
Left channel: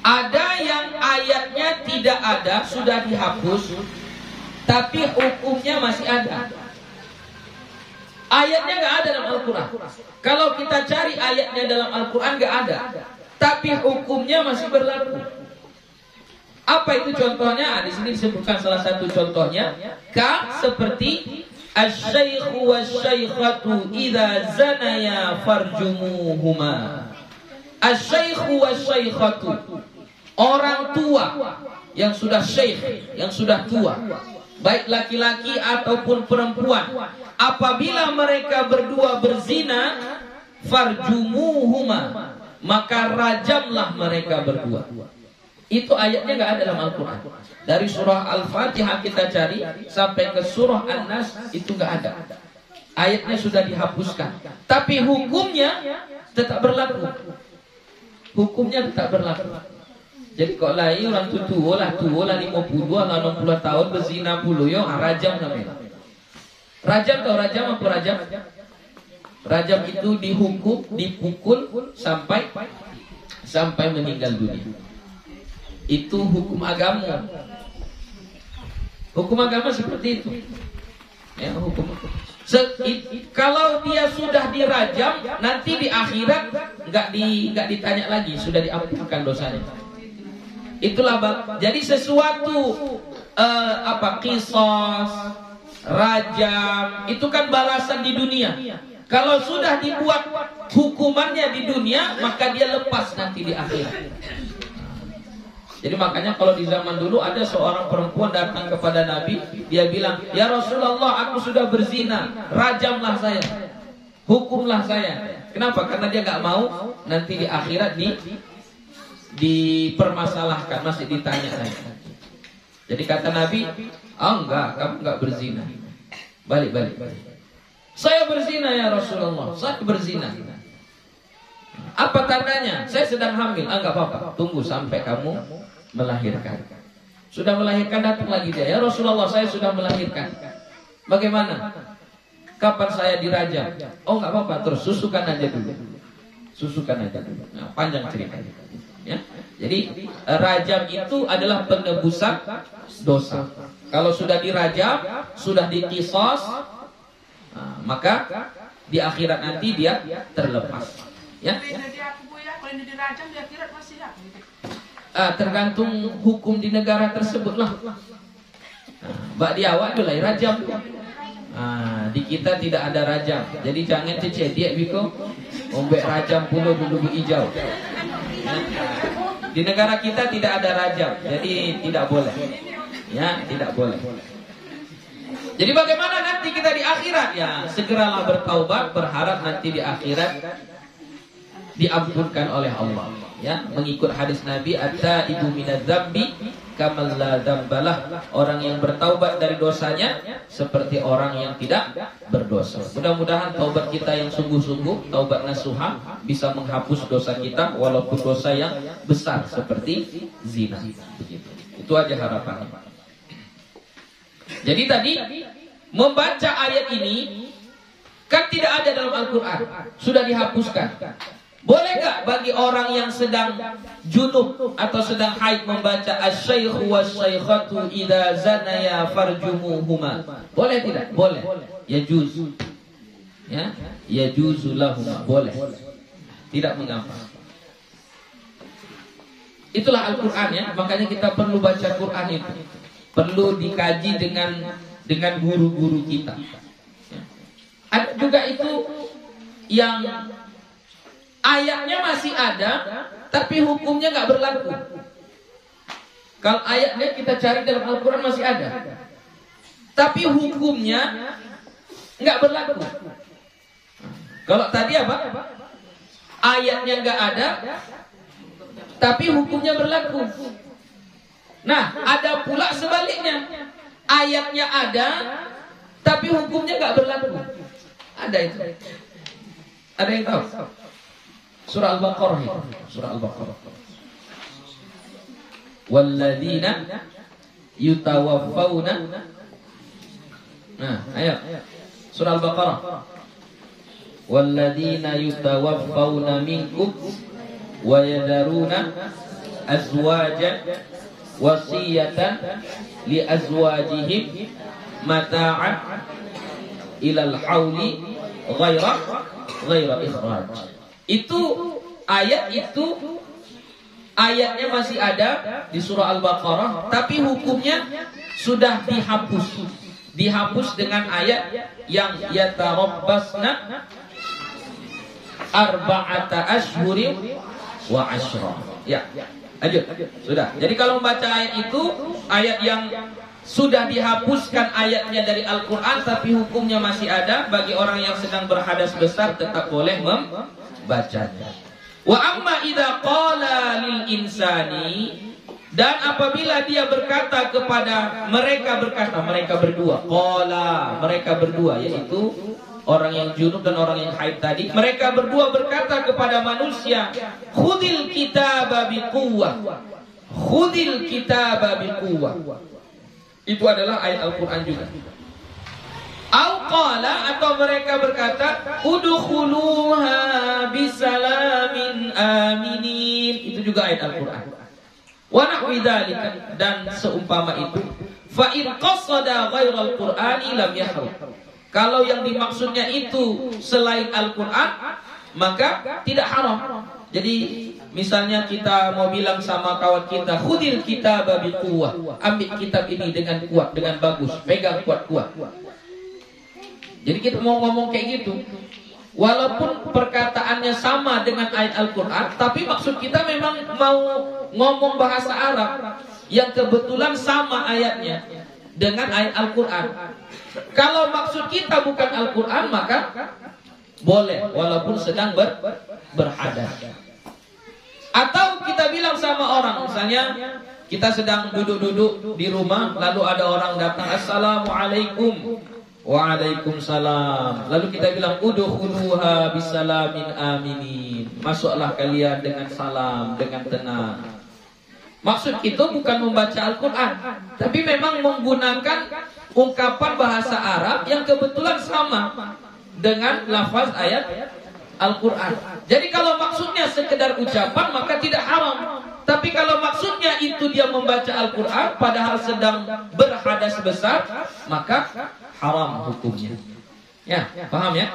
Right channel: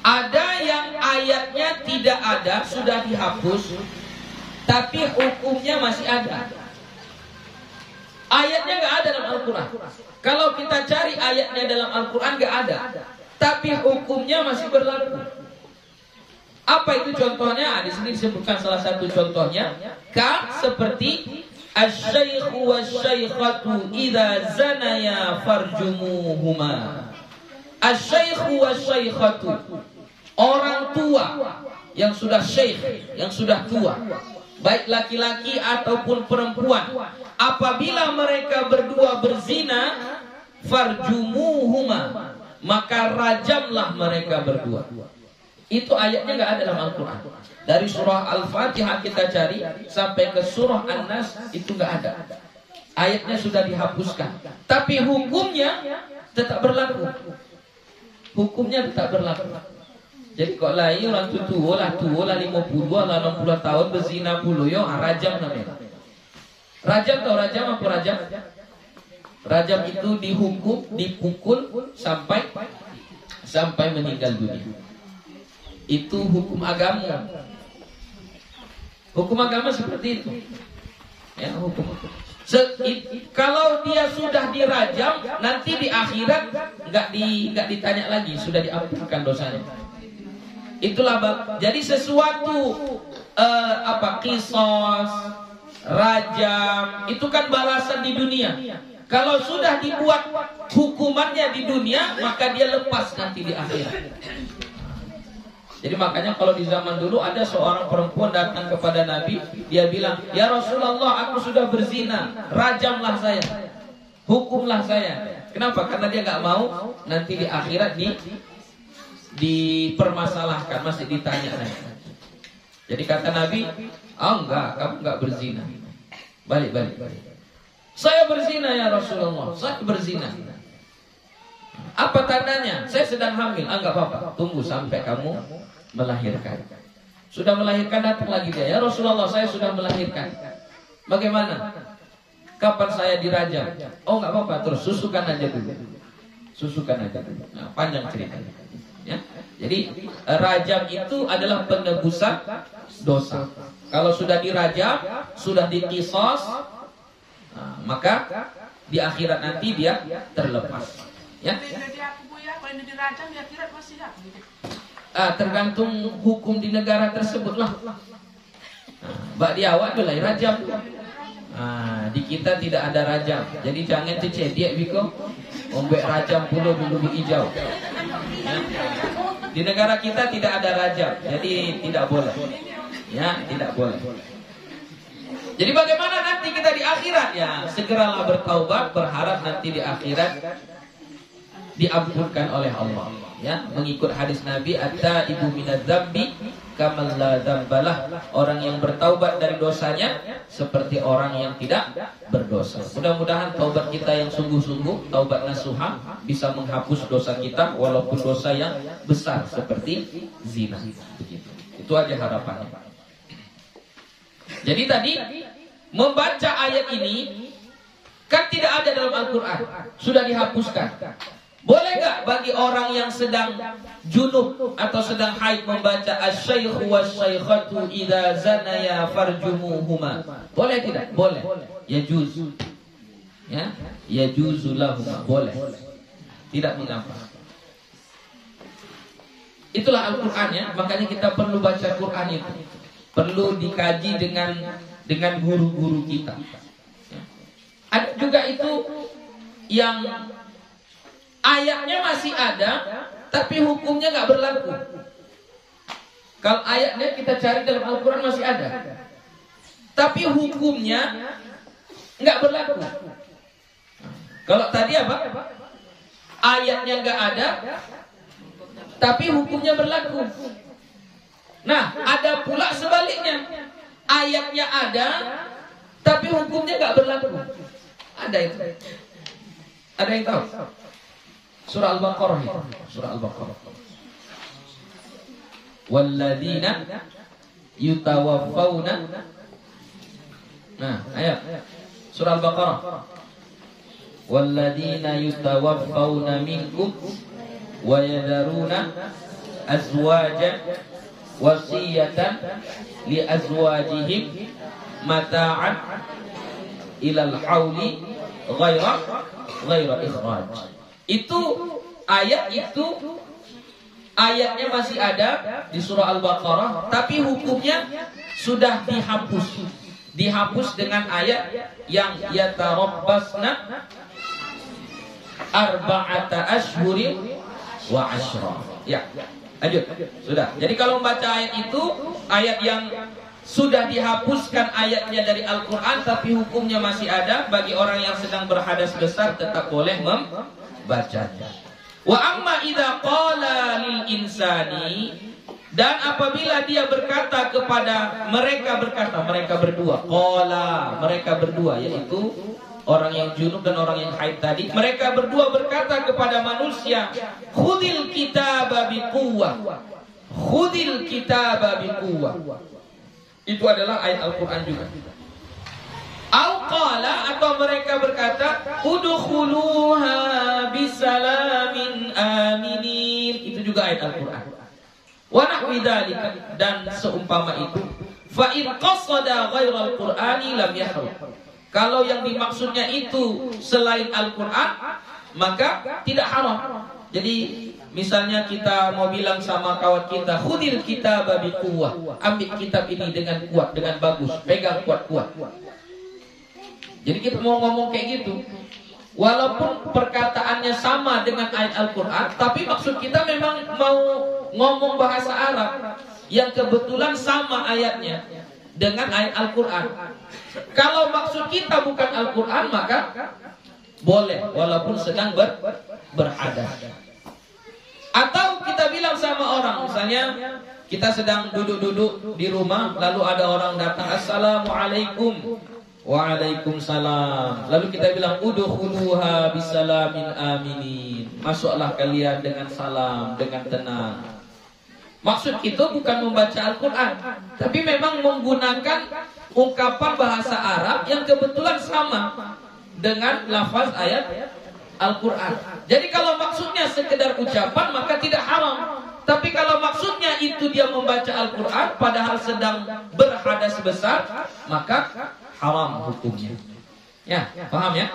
ada yang ayatnya tidak ada, sudah dihapus, tapi hukumnya masih ada. Ayatnya nggak ada dalam Al-Quran. Kalau kita cari ayatnya dalam Al-Quran nggak ada, tapi hukumnya masih berlaku. Apa itu contohnya? Di sini disebutkan salah satu contohnya, seperti asy-syaikhu wasy-syaikhatu idza zanaya farjumuhuma. Asy-syaikhu wasy-syaikhatu, orang tua yang sudah syekh, yang sudah tua, baik laki-laki ataupun perempuan, apabila mereka berdua berzina, farjumuhuma, maka rajamlah mereka berdua. Itu ayatnya nggak ada dalam Al-Quran. Dari surah Al-Fatihah kita cari sampai ke surah An-Nas itu nggak ada. Ayatnya sudah dihapuskan, tapi hukumnya tetap berlaku. Hukumnya tetap berlaku. Jadi kok lain orang tua lah 50 lah 60 tahun berzina puluh yo rajam namanya. Rajam atau rajam apa rajam? Rajam itu dihukum, dipukul sampai meninggal dunia. Itu hukum agama. Hukum agama seperti itu. Ya, hukum. Kalau dia sudah dirajam, nanti di akhirat nggak ditanya lagi, sudah diampunkan dosanya. Itulah jadi sesuatu qisas, rajam, itu kan balasan di dunia. Kalau sudah dibuat hukumannya di dunia, maka dia lepas nanti di akhirat. Jadi makanya kalau di zaman dulu ada seorang perempuan datang kepada Nabi, dia bilang, "Ya Rasulullah, aku sudah berzina, rajamlah saya, hukumlah saya." Kenapa? Karena dia nggak mau nanti di akhirat dipermasalahkan, masih ditanya lagi. Jadi kata Nabi, "Oh enggak, kamu enggak berzina." Balik. "Saya berzina ya Rasulullah, saya berzina." "Apa tandanya?" "Saya sedang hamil." "Ah, enggak apa-apa, tunggu sampai kamu melahirkan." Sudah melahirkan, datang lagi dia, "Ya Rasulullah, saya sudah melahirkan. Bagaimana? Kapan saya dirajam?" "Oh enggak apa-apa, terus susukan aja dulu." Nah, panjang ceritanya. Ya. Jadi rajam itu adalah penebusan dosa. Kalau sudah dirajam, sudah dikisos, maka di akhirat nanti dia terlepas. Ya. Tergantung hukum di negara tersebut lah. Mbak di awak mulai rajam. Di kita tidak ada rajam. Jadi jangan cecediak biko. Ombek rajam pula dulu hijau. Ya. Di negara kita tidak ada rajam, jadi tidak boleh. Ya, tidak boleh. Jadi bagaimana nanti kita di akhirat? Ya, segeralah bertaubat, berharap nanti di akhirat diampunkan oleh Allah. Ya, mengikut hadis Nabi, "At-taibu minadz-dzambi kamal la dzambalah." Orang yang bertaubat dari dosanya seperti orang yang tidak berdosa. Mudah-mudahan taubat kita yang sungguh-sungguh, taubat nasuha, bisa menghapus dosa kita walaupun dosa yang besar seperti zina. Begitu. Itu aja harapannya. Jadi tadi membaca ayat ini kan tidak ada dalam Al-Qur'an, sudah dihapuskan. Boleh gak bagi orang yang sedang junub atau sedang haid membaca asy-syaikhu was-syaikhatu idza zanaya farjumuhuma? Boleh tidak? Boleh. Yajuz. Ya, yajuzu lahum. Boleh. Tidak mengapa. Itulah Al-Qur'an ya, makanya kita perlu baca Qur'an itu. Perlu dikaji dengan guru-guru kita. Ya. Ada juga itu yang ayatnya masih ada, tapi hukumnya nggak berlaku. Kalau ayatnya kita cari dalam Al-Quran masih ada, tapi hukumnya nggak berlaku. Kalau tadi apa? Ayatnya nggak ada, tapi hukumnya berlaku. Nah, ada pula sebaliknya. Ayatnya ada, tapi hukumnya nggak berlaku. Ada itu. Ada yang tahu? Surah Al-Baqarah itu. Surah Al-Baqarah. Walladzina yutawaffawna. Nah, ayat. Surah Al-Baqarah. Walladzina yutawaffawna minkum wa yadaruna azwajan wasiyatan li azwajihim mata'an ilal hauli ghaira ikhraj. Itu ayatnya masih ada di surah Al-Baqarah, tapi hukumnya sudah dihapus dengan ayat yang yatarabbasna arba'ata ashhurin wa ashra. Ya, lanjut. Sudah. Jadi kalau membaca ayat itu, ayat yang sudah dihapuskan ayatnya dari Al-Quran, tapi hukumnya masih ada, bagi orang yang sedang berhadas besar tetap boleh membacanya. Wa amma idza qala lil insani, dan apabila dia berkata kepada mereka berdua, qala, mereka berdua, yaitu orang yang junub dan orang yang haid tadi, mereka berdua berkata kepada manusia, khudil kitaba biquwwah, khudil kitaba biquwwah. Itu adalah ayat Al-Quran juga. Al-qala, atau mereka berkata, udkhuluha bisalamin aminin. Itu juga ayat Al-Quran. Wa nahwi dzalika, dan seumpama itu. Fa in qasada ghairal Qur'ani lam yahrum. Kalau yang dimaksudnya itu selain Al-Quran, maka tidak haram. Jadi misalnya kita mau bilang sama kawan kita, khudil kitaba biquwwah, ambil kitab ini dengan kuat, dengan bagus, pegang kuat-kuat. Jadi kita mau ngomong kayak gitu, walaupun perkataannya sama dengan ayat Al-Quran, tapi maksud kita memang mau ngomong bahasa Arab yang kebetulan sama ayatnya dengan ayat Al-Quran. Kalau maksud kita bukan Al-Quran, maka boleh walaupun sedang berhadas. Atau kita bilang sama orang, misalnya kita sedang duduk-duduk di rumah, lalu ada orang datang, Assalamualaikum. Waalaikumsalam. Lalu kita bilang, udkhuluha bisalamin aminin. Masuklah kalian dengan salam, dengan tenang. Maksud itu bukan membaca Al-Quran, tapi memang menggunakan ungkapan bahasa Arab yang kebetulan sama dengan lafaz ayat Al-Quran. Jadi kalau maksudnya sekedar ucapan, maka tidak haram. Tapi kalau maksudnya itu dia membaca Al-Quran padahal sedang berhadas besar, maka haram hukumnya. Ya, paham ya?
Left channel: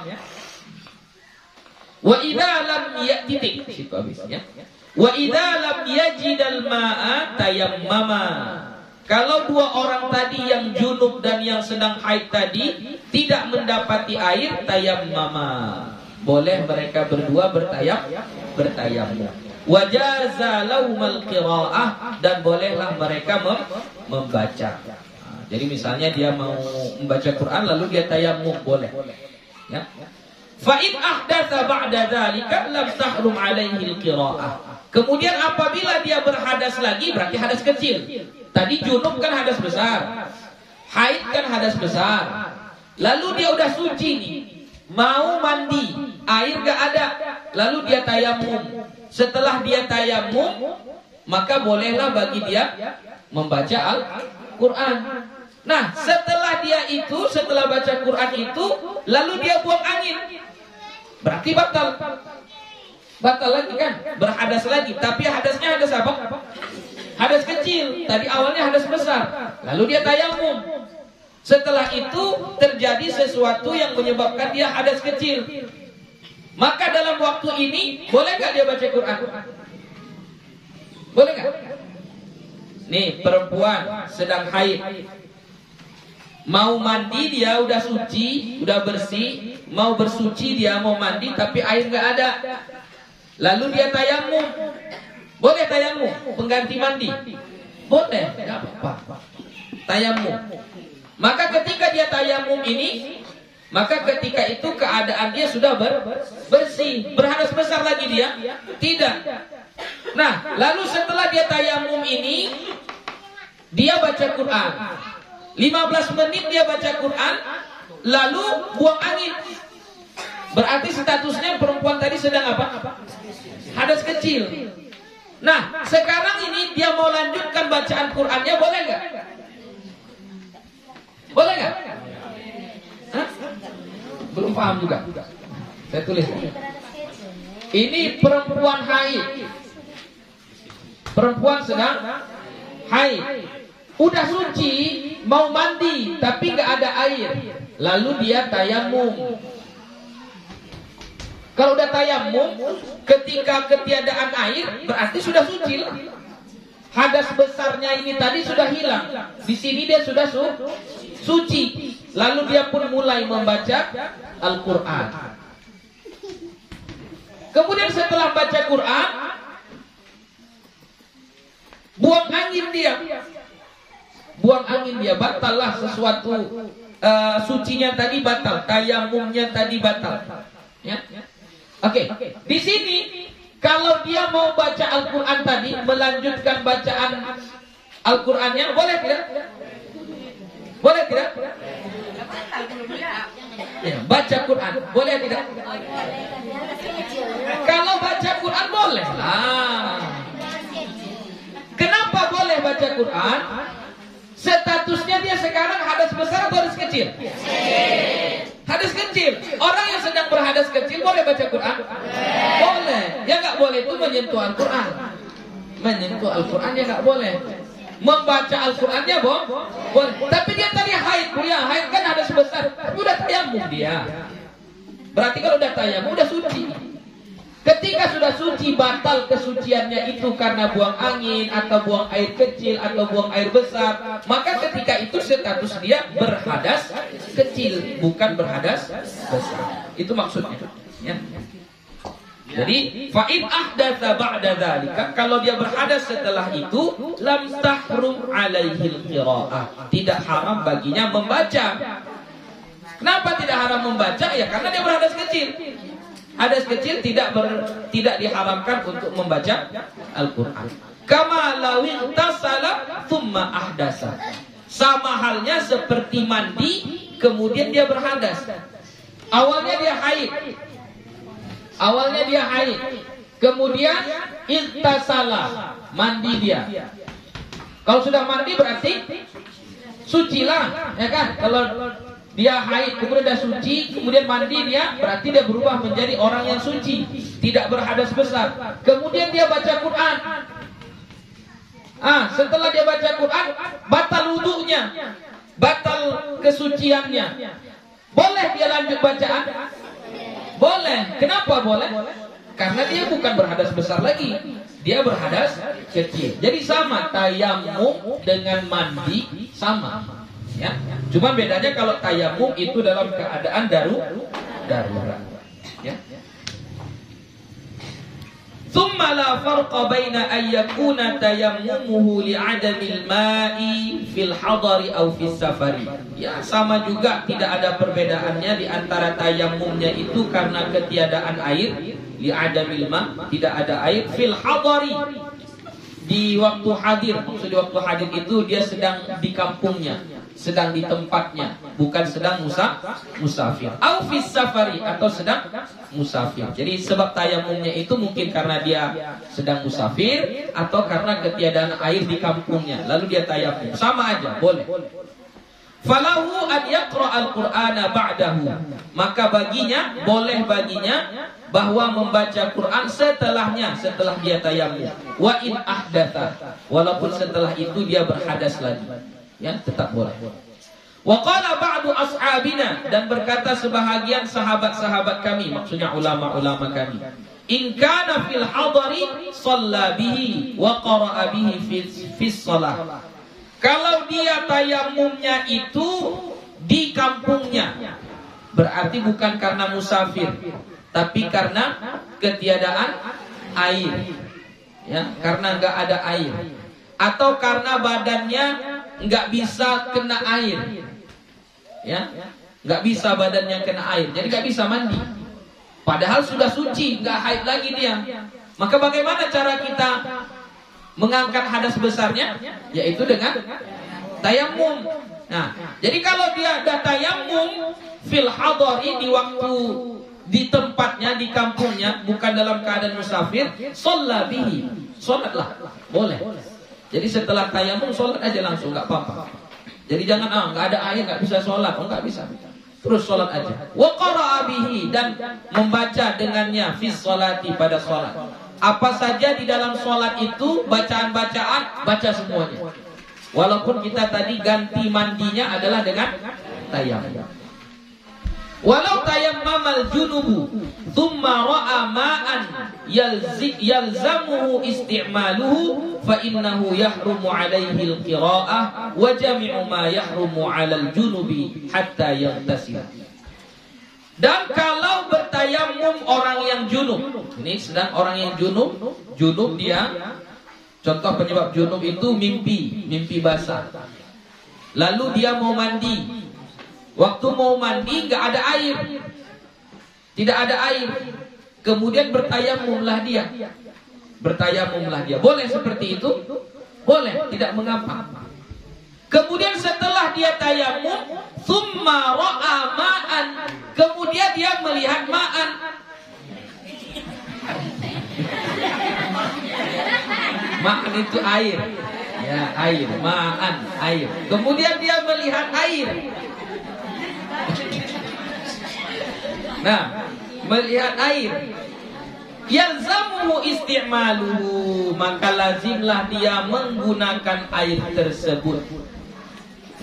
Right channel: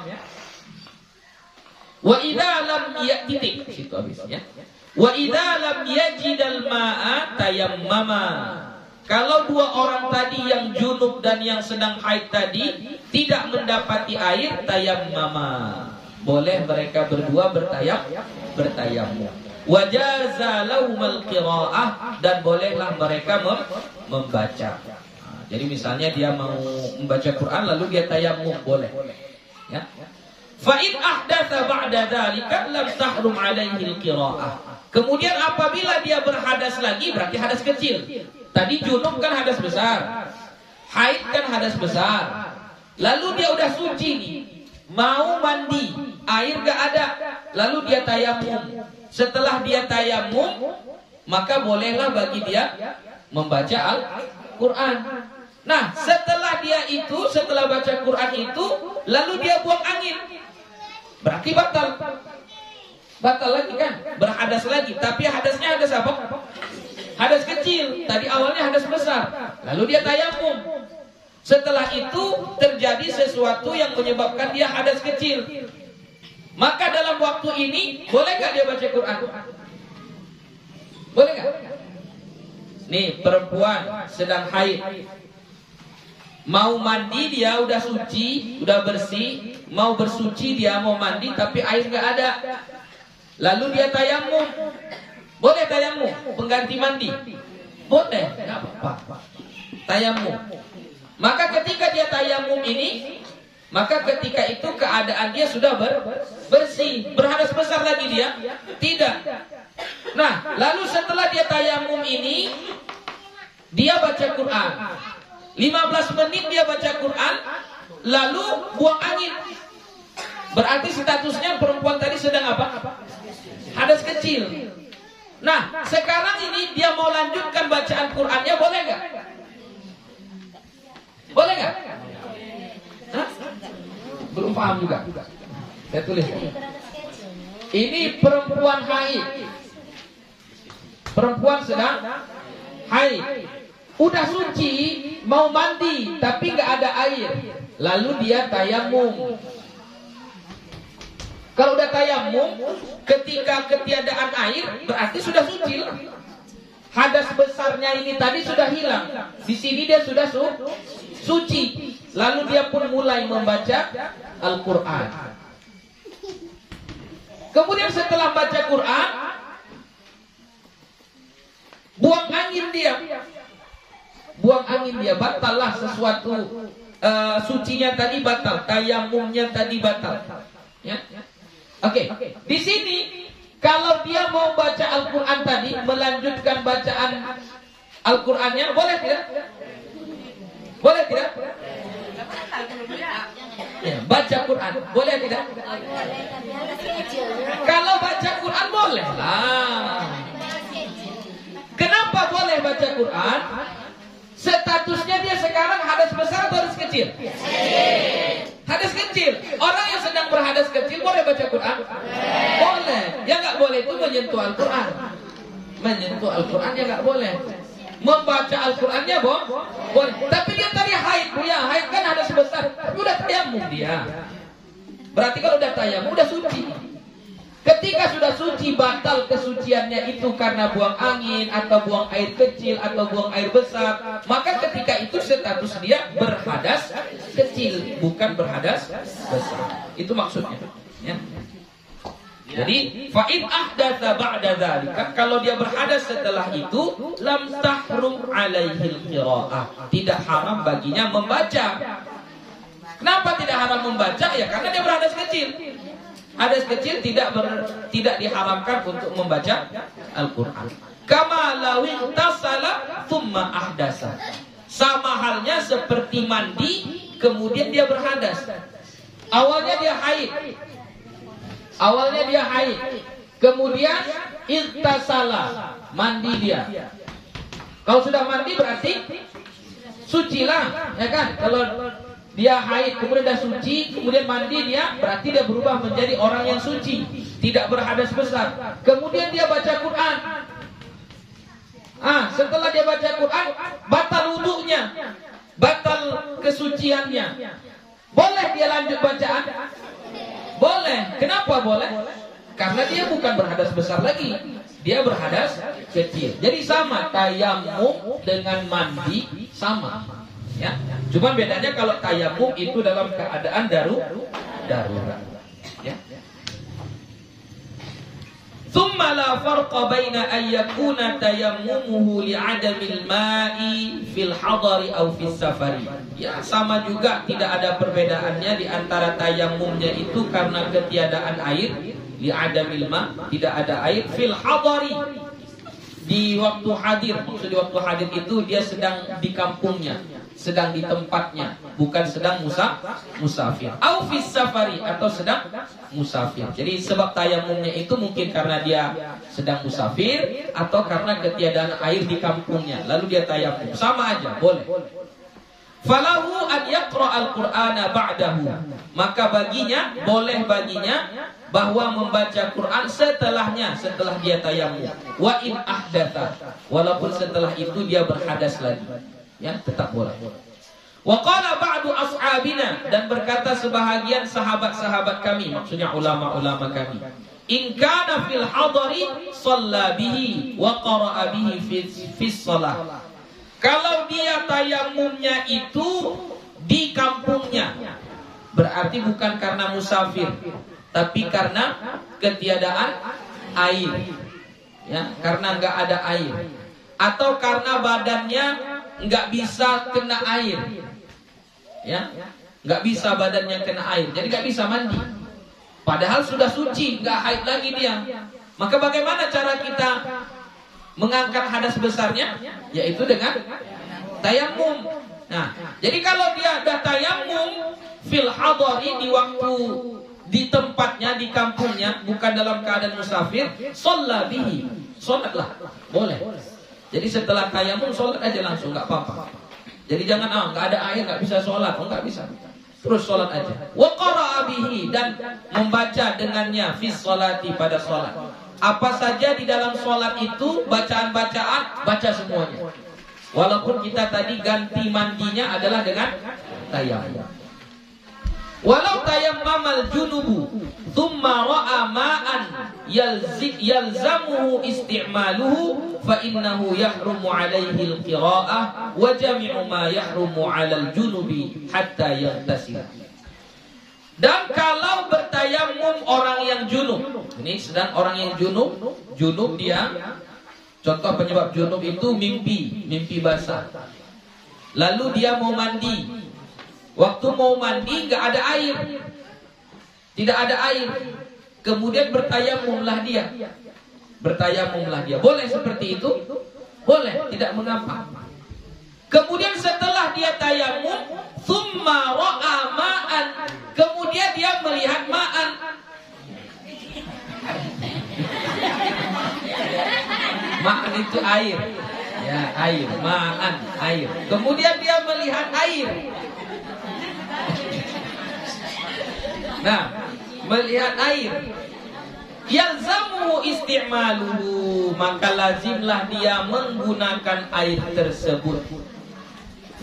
Wa idza lam ya'titik, situ habisnya. Wa idza lam yajidal ma'a tayammama. Kalau dua orang tadi yang junub dan yang sedang haid tadi tidak mendapati air, tayammama. Boleh mereka berdua bertayammum. Wajaza laumal qiraah, dan bolehlah mereka membaca. Jadi misalnya dia mau membaca Quran lalu dia tayammum, boleh. Ya. Fa in ahdatsa ba'da dzalika lam tahrum alaihi al-qiraah. Kemudian apabila dia berhadas lagi, berarti hadas kecil. Tadi junub kan hadas besar, haid kan hadas besar. Lalu dia udah suci nih, mau mandi, air gak ada, lalu dia tayammum. Setelah dia tayammum, maka bolehlah bagi dia membaca Al-Quran. Nah, setelah baca Quran itu, lalu dia buang angin, berarti batal. Batal lagi kan, berhadas lagi. Tapi hadasnya hadas apa? Hadas kecil. Tadi awalnya hadas besar, lalu dia tayammum. Setelah itu terjadi sesuatu yang menyebabkan dia hadas kecil, maka dalam waktu ini boleh nggak dia baca Quran? Boleh nggak? Nih, perempuan sedang haid, mau mandi, dia udah suci, udah bersih, mau bersuci, dia mau mandi tapi air nggak ada. Lalu dia tayammum. Boleh tayammum, pengganti mandi? Boleh, nggak apa-apa. Tayammum. Maka ketika dia tayammum ini, maka ketika itu keadaan dia sudah bersih. Berhadas besar lagi dia? Tidak. Nah, lalu setelah dia tayammum ini, dia baca Quran. 15 menit dia baca Quran, lalu buang angin. Berarti statusnya perempuan tadi sedang apa? Hadas kecil. Nah, sekarang ini dia mau lanjutkan bacaan Qurannya, boleh nggak? Boleh nggak? Belum paham juga. Saya tulis. Ini perempuan haid. Perempuan sedang haid. Udah suci, mau mandi, tapi nggak ada air. Lalu dia tayammum. Kalau udah tayammum, ketika ketiadaan air, berarti sudah suci. Hadas besarnya ini tadi sudah hilang. Di sini dia sudah suci. Lalu dia pun mulai membaca Al-Quran. Kemudian setelah baca Quran, buang angin dia. Buang angin dia, batallah sesuatu. Sucinya tadi batal, tayammumnya tadi batal. Ya. Oke. Di sini kalau dia mau baca Al-Quran tadi, melanjutkan bacaan Al-Qurannya, boleh tidak? Boleh tidak? Ya, baca Quran, boleh tidak? Kalau baca Quran boleh lah. Kenapa boleh baca Quran? Statusnya dia sekarang hadas besar atau hadas kecil? Hadas kecil. Orang yang sedang berhadas kecil boleh baca Quran? Boleh. Yang nggak boleh itu menyentuh Al-Quran. Menyentuh Al-Quran yang nggak boleh. Membaca Al-Qurannya boleh. Tapi dia tadi haid, ya haid kan hadas besar. Tapi udah tayammum dia. Berarti kalau udah tayammum udah suci. Ketika sudah suci, batal kesuciannya itu karena buang angin atau buang air kecil atau buang air besar, maka ketika itu status dia berhadas kecil, bukan berhadas besar. Itu maksudnya, ya. Jadi fa'in ahdatsa ba'da dzalika, kalau dia berhadas setelah itu, lam tahrum alaihil qiraah, tidak haram baginya membaca. Kenapa tidak haram membaca? Ya karena dia berhadas kecil. Hadas kecil tidak diharamkan untuk membaca Al-Quran. Kama lawi tasala thumma ahdasa. Sama halnya seperti mandi kemudian dia berhadas. Awalnya dia haid. Kemudian ittasala, mandi dia. Kalau sudah mandi berarti sucilah, ya kan? Kalau dia haid, kemudian dia suci, kemudian mandi dia, berarti dia berubah menjadi orang yang suci, tidak berhadas besar. Kemudian dia baca Quran. Setelah dia baca Quran, batal wudunya, batal kesuciannya. Boleh dia lanjut bacaan? Boleh. Kenapa boleh? Karena dia bukan berhadas besar lagi, dia berhadas kecil. Jadi sama, tayamum dengan mandi sama. Ya, cuma bedanya kalau tayamum itu dalam keadaan darurat. Ya. Tsumma la farqa baina ay yakuna tayammumuhu li'adamil ma'i fil hadari aw fis safari. Ya, sama juga tidak ada perbedaannya di antara tayamumnya itu karena ketiadaan air, li'adamil ma', tidak ada air, fil hadari, di waktu hadir. Maksud di waktu hadir itu dia sedang di kampungnya, sedang di tempatnya, bukan sedang musafir. Au fis safari, atau sedang musafir. Jadi sebab tayamumnya itu mungkin karena dia sedang musafir atau karena ketiadaan air di kampungnya, lalu dia tayamum. Sama aja, boleh. Falahu an yaqra al-Qur'ana ba'dahu. Maka boleh baginya bahwa membaca Quran setelahnya, setelah dia tayamum. Wa in ahdatha, walaupun setelah itu dia berhadas lagi. Ya, tetap boleh. Wa qala ba'du ashabina, dan berkata sebahagian sahabat-sahabat kami, maksudnya ulama-ulama kami, in kana fil hadari shalla bihi wa qara'a bihi fis shalah. Kalau dia tayamumnya itu di kampungnya, berarti bukan karena musafir, tapi karena ketiadaan air. Ya, karena enggak ada air, atau karena badannya nggak bisa kena air, ya, nggak bisa badannya kena air, jadi nggak bisa mandi. Padahal sudah suci, nggak haid lagi dia. Maka bagaimana cara kita mengangkat hadas besarnya? Yaitu dengan tayamum. Nah, jadi kalau dia ada tayamum fil hadari, di waktu di tempatnya, di kampungnya, bukan dalam keadaan musafir, shalla bihi, sholatlah, boleh. Jadi setelah tayamum sholat aja langsung, nggak apa-apa. Jadi jangan nggak ada air nggak bisa sholat, nggak bisa. Terus sholat aja. Wa qara'a bihi, dan membaca dengannya fi sholati, pada sholat. Apa saja di dalam sholat itu bacaan-bacaan, baca semuanya. Walaupun kita tadi ganti mandinya adalah dengan tayamum. Walau tayammamal junubu thumma ra'a ma'an yalzamuhu isti'maluhu fa innahu yahrumu alaihi al-qira'ah wa jami'u ma yahrumu 'alal junubi hatta yaghtasil. Dan kalau bertayamum orang yang junub, ini sedang orang yang junub dia, contoh penyebab junub itu mimpi basah. Lalu dia mau mandi. Waktu mau mandi nggak ada air, tidak ada air. Kemudian bertayamumlah dia. Boleh seperti itu? Boleh, tidak mengapa. Kemudian setelah dia tayamum, tsumma ra'a ma'an, kemudian dia melihat ma'an. Ma'an itu air. Ya, air, ma'an, air. Kemudian dia melihat air. Nah, melihat air, yalzamuhu isti'maluhu, maka lazimlah dia menggunakan air tersebut.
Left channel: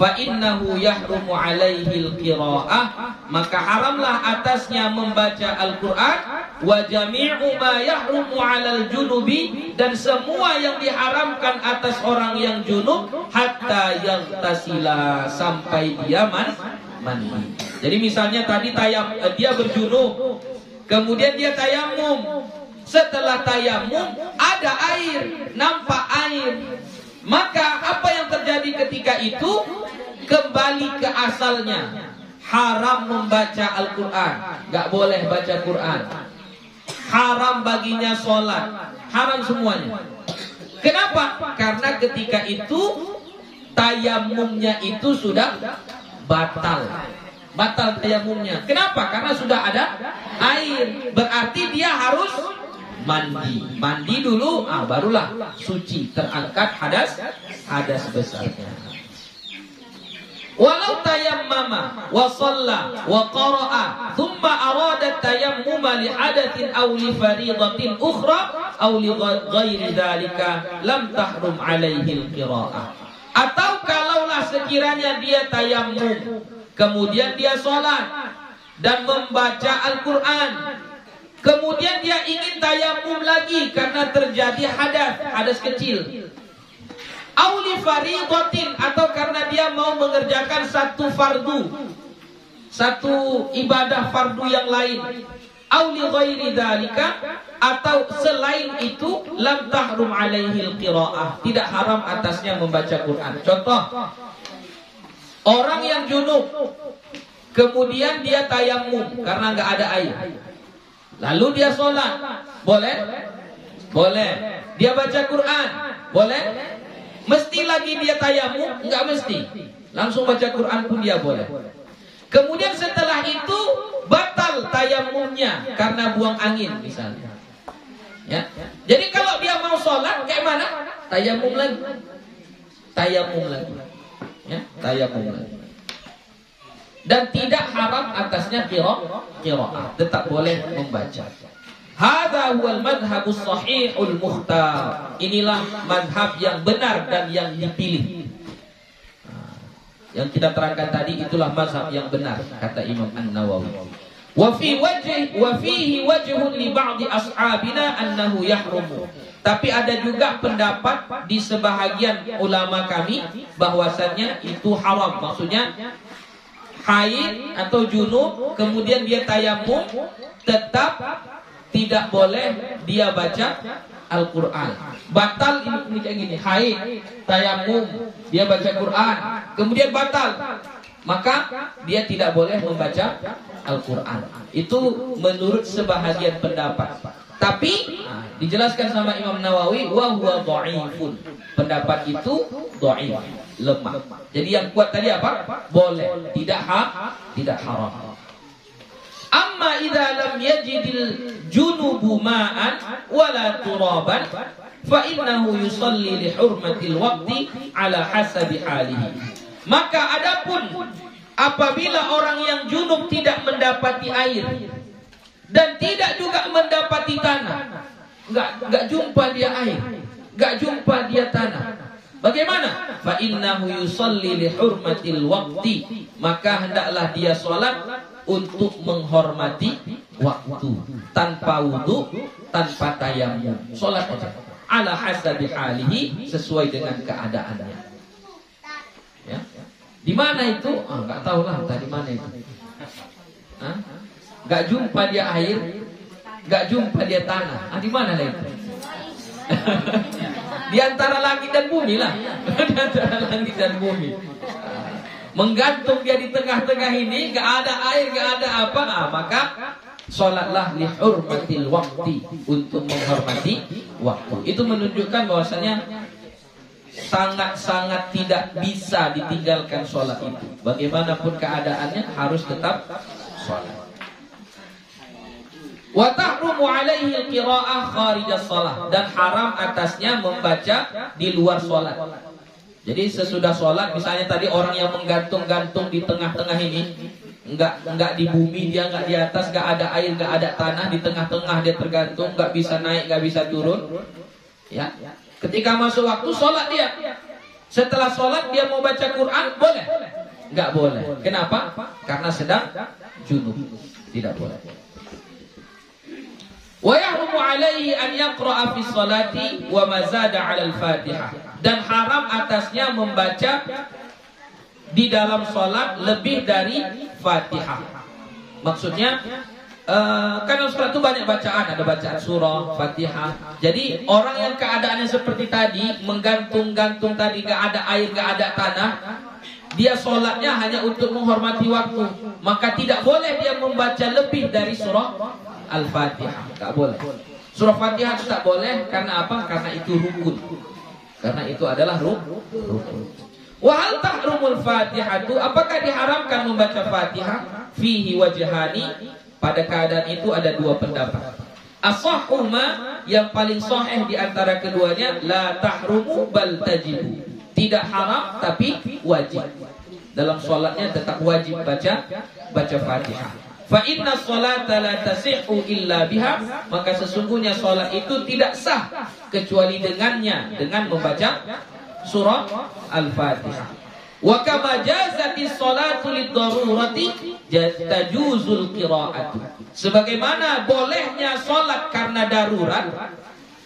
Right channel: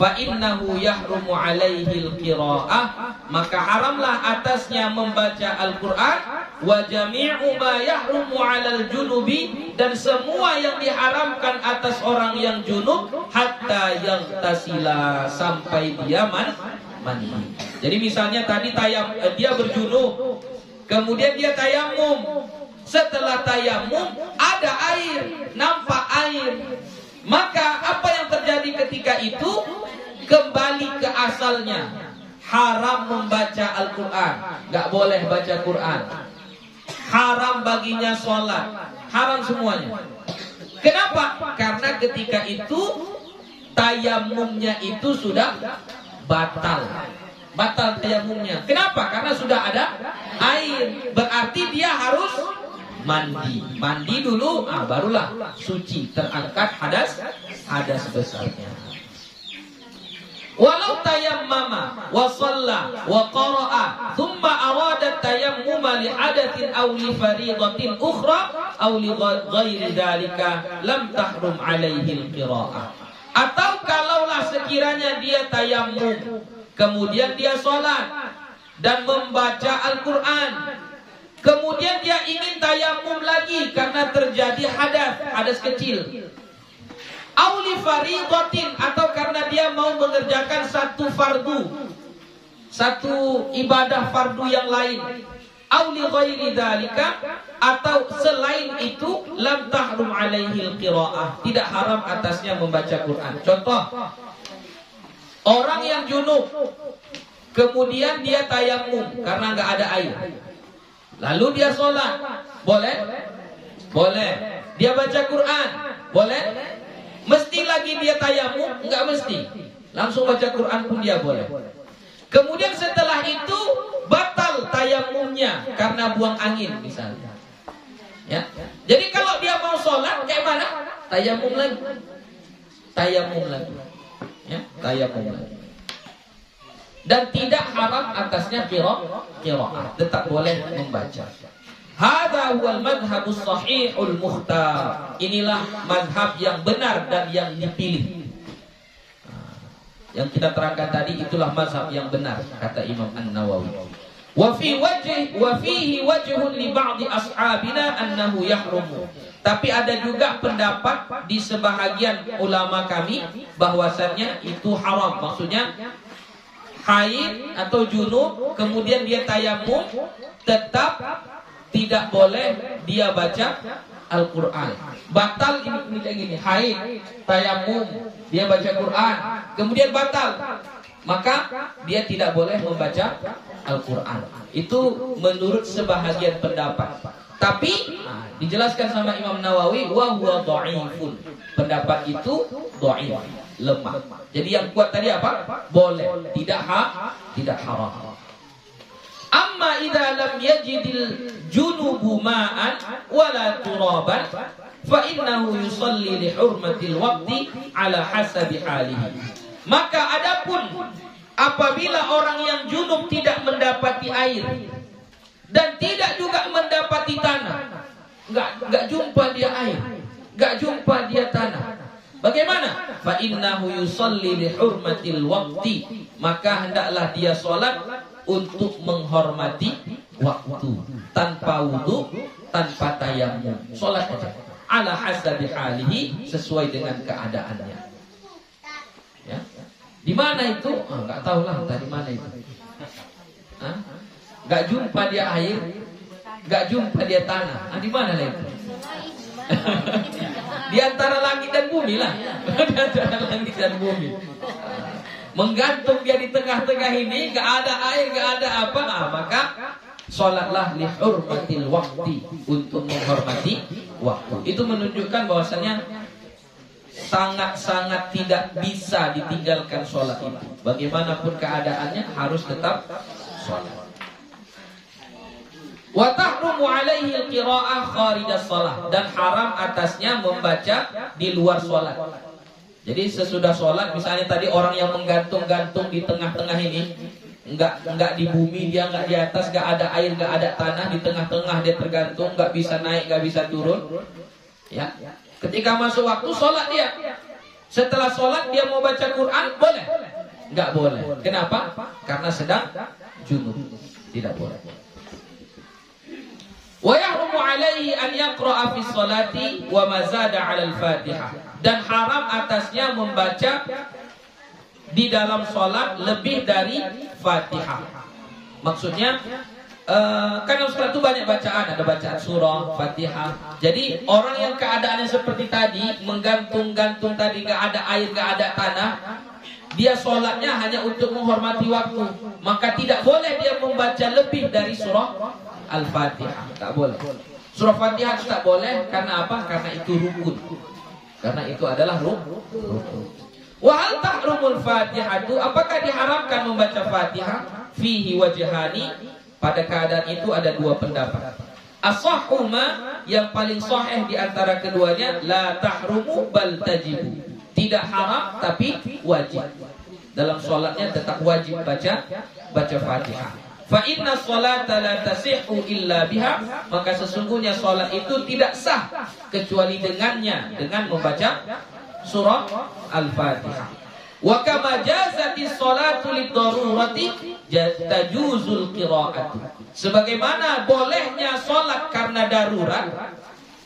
Fa innahu yahrumu alaihi al-qira'ah, maka haramlah atasnya membaca Al-Quran wa jami'u ma yahrumu 'alal junubi, dan semua yang diharamkan atas orang yang junub hatta yaghtasila, sampai dia mandi. Jadi misalnya tadi dia berjunub, kemudian dia tayamum. Setelah tayamum ada air, nampak air. Maka apa yang terjadi ketika itu? Kembali ke asalnya. Haram membaca Al-Quran, gak boleh baca Quran. Haram baginya sholat, haram semuanya. Kenapa? Karena ketika itu tayamumnya itu sudah batal. Batal tayamumnya. Kenapa? Karena sudah ada air. Berarti dia harus mandi. Mandi dulu, barulah suci, terangkat hadas besarnya. Walau tayammama wa shalla wa qara'a thumma arada tayammuma li hadatsin aw li fariidatin ukhra aw li ghairi dzalika lam tahrum alaihi al-qira'ah. Atau kalaulah sekiranya dia tayammum, kemudian dia sholat dan membaca Al-Quran, kemudian dia ingin tayamum lagi karena terjadi hadas kecil. Auli faridatin, atau karena dia mau mengerjakan satu fardu, satu ibadah fardu yang lain. Auli ghairi dzalika, atau selain itu, lam tahrum alaihi al-qiraah, tidak haram atasnya membaca Quran. Contoh, orang yang junub, kemudian dia tayamum karena nggak ada air, lalu dia sholat, boleh? Boleh. Dia baca Quran, boleh? Mesti lagi dia tayamum? Enggak mesti. Langsung baca Quran pun dia boleh. Kemudian setelah itu batal tayamumnya karena buang angin misalnya. Ya. Jadi kalau dia mau sholat kayak mana? Tayamum lagi. Tayamum lagi. Ya, tayamum lagi. Dan tidak haram atasnya qiraah, tetap boleh membaca. Hadza huwal madhhabus shahihul mukhtar. Inilah mazhab yang benar dan yang dipilih. Yang kita terangkan tadi itulah mazhab yang benar, kata Imam An-Nawawi. Wa fihi wajhun li ba'di ashabina annahu yahrumu. Tapi ada juga pendapat di sebahagian ulama kami bahwasannya itu haram. Maksudnya haid atau junub kemudian dia tayamum, tetap tidak boleh dia baca Al-Quran. Batal ini kayak gini, haid, tayamum, dia baca Quran, kemudian batal, maka dia tidak boleh membaca Al-Quran. Itu menurut sebahagian pendapat. Tapi dijelaskan sama Imam Nawawi, wa huwa dhaifun. Pendapat itu dhaif, lemah. Jadi yang kuat tadi apa? Boleh, tidak haram. Amma idza lam yajidil junubu ma'an wala turaban fa innahu yusalli li hurmatil waqti ala hasabi halihi. Maka adapun apabila orang yang junub tidak mendapati air dan tidak juga mendapati tanah, enggak jumpa dia air, enggak jumpa dia tanah, bagaimana? Fa innahu yusalli li hurmatil waqti, maka hendaklah dia salat untuk menghormati waktu, tanpa wudu, tanpa tayamum, salat aja. Ala hasabi halihi, sesuai dengan keadaannya. Ya. Di mana itu? Enggak tahu lah tadi mana itu. Enggak jumpa dia air, enggak jumpa dia tanah. Di mana lah itu? Di antara langit dan bumi lah. Di antara langit dan bumi. Menggantung dia di tengah-tengah ini, gak ada air, gak ada apa, maka sholatlah li hurmatil waqti, untuk menghormati waktu. Itu menunjukkan bahwasanya sangat-sangat tidak bisa ditinggalkan sholat itu. Bagaimanapun keadaannya harus tetap sholat. Wa tahrumu alaihi al-qira'ah kharijas shalah, dan haram atasnya membaca di luar sholat. Jadi sesudah sholat, misalnya tadi orang yang menggantung-gantung di tengah-tengah ini, enggak di bumi, dia enggak di atas, enggak ada air, enggak ada tanah, di tengah-tengah dia tergantung, enggak bisa naik, enggak bisa turun. Ya, ketika masuk waktu sholat dia, setelah sholat dia mau baca Quran, boleh? Enggak boleh. Kenapa? Karena sedang junub, tidak boleh. Wa yahrumu alaihi an yaqra'a fi sholati wa ma zada 'ala al-Fatihah. Dan haram atasnya membaca di dalam sholat lebih dari Fatihah. Maksudnya kan dalam sholat itu banyak bacaan, ada bacaan surah, Fatihah. Jadi orang yang keadaannya seperti tadi, menggantung-gantung tadi, gak ada air, gak ada tanah, dia sholatnya hanya untuk menghormati waktu, maka tidak boleh dia membaca lebih dari surah Al-Fatihah. Tak boleh. Surah Fatihah itu tak boleh. Karena apa? Karena itu rukun. Karena itu adalah rukun. Wa hal tahrumul Fatihatu, apakah diharamkan membaca Fatihah? Fihi wajhani, pada keadaan itu ada dua pendapat. As-sahhuma, yang paling sahih di antara keduanya, la tahrumu bal tajibu. Tidak haram tapi wajib. Dalam sholatnya tetap wajib baca Fatihah. Fa inna sholata la tasihhu illa biha, maka sesungguhnya sholat itu tidak sah kecuali dengannya, dengan membaca surah Al-Fatihah. Wa kama jazati sholatu lid-darurati tajuzul qira'atu. Sebagaimana bolehnya sholat karena darurat.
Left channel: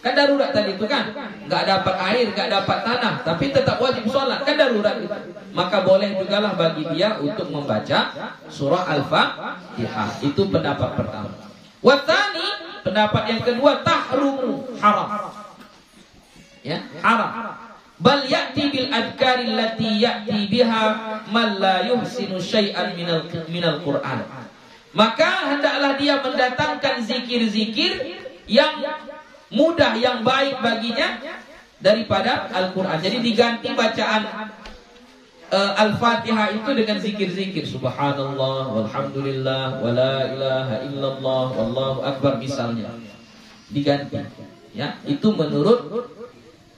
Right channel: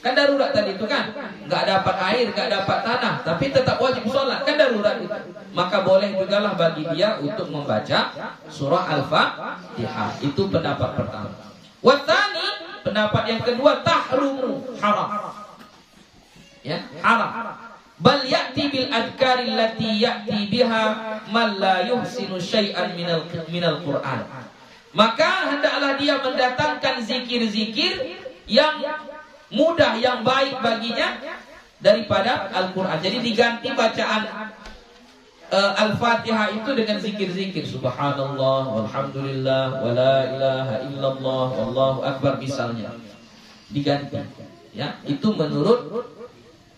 Kan darurat tadi itu kan, nggak dapat air, nggak dapat tanah, tapi tetap wajib sholat, kan darurat itu. Maka boleh jugalah bagi dia untuk membaca surah Al-Fatihah. Itu pendapat pertama. Wathani, pendapat yang kedua, tahrumu, haram. Ya, haram. Bal ya'ti bil adhkari allati ya'ti biha man la yuhsinu syai'an minal Qur'an. Maka hendaklah dia mendatangkan zikir-zikir yang mudah, yang baik baginya daripada Al-Quran. Jadi diganti bacaan Al-Fatihah itu dengan zikir-zikir, subhanallah, walhamdulillah, wala ilaha illallah, wallahu akbar misalnya. Diganti. Ya, itu menurut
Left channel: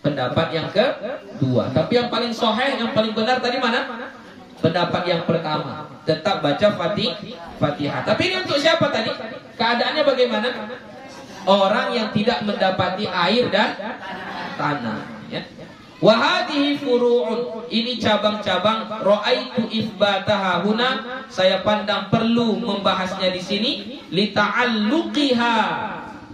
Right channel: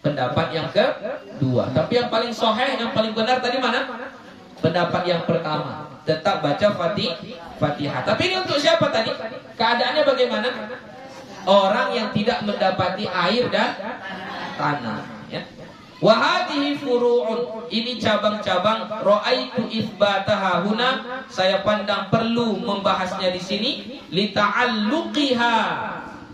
pendapat yang kedua. Tapi yang paling sahih, yang paling benar tadi mana? Pendapat yang pertama. Tetap baca Fatihah. Tapi ini untuk siapa tadi? Keadaannya bagaimana? Orang yang tidak mendapati air dan tanah, ya. Wa hadhihi furu'un, ini cabang-cabang. Ra'aitu itsbataha huna, saya pandang perlu membahasnya di sini, li ta'alluqiha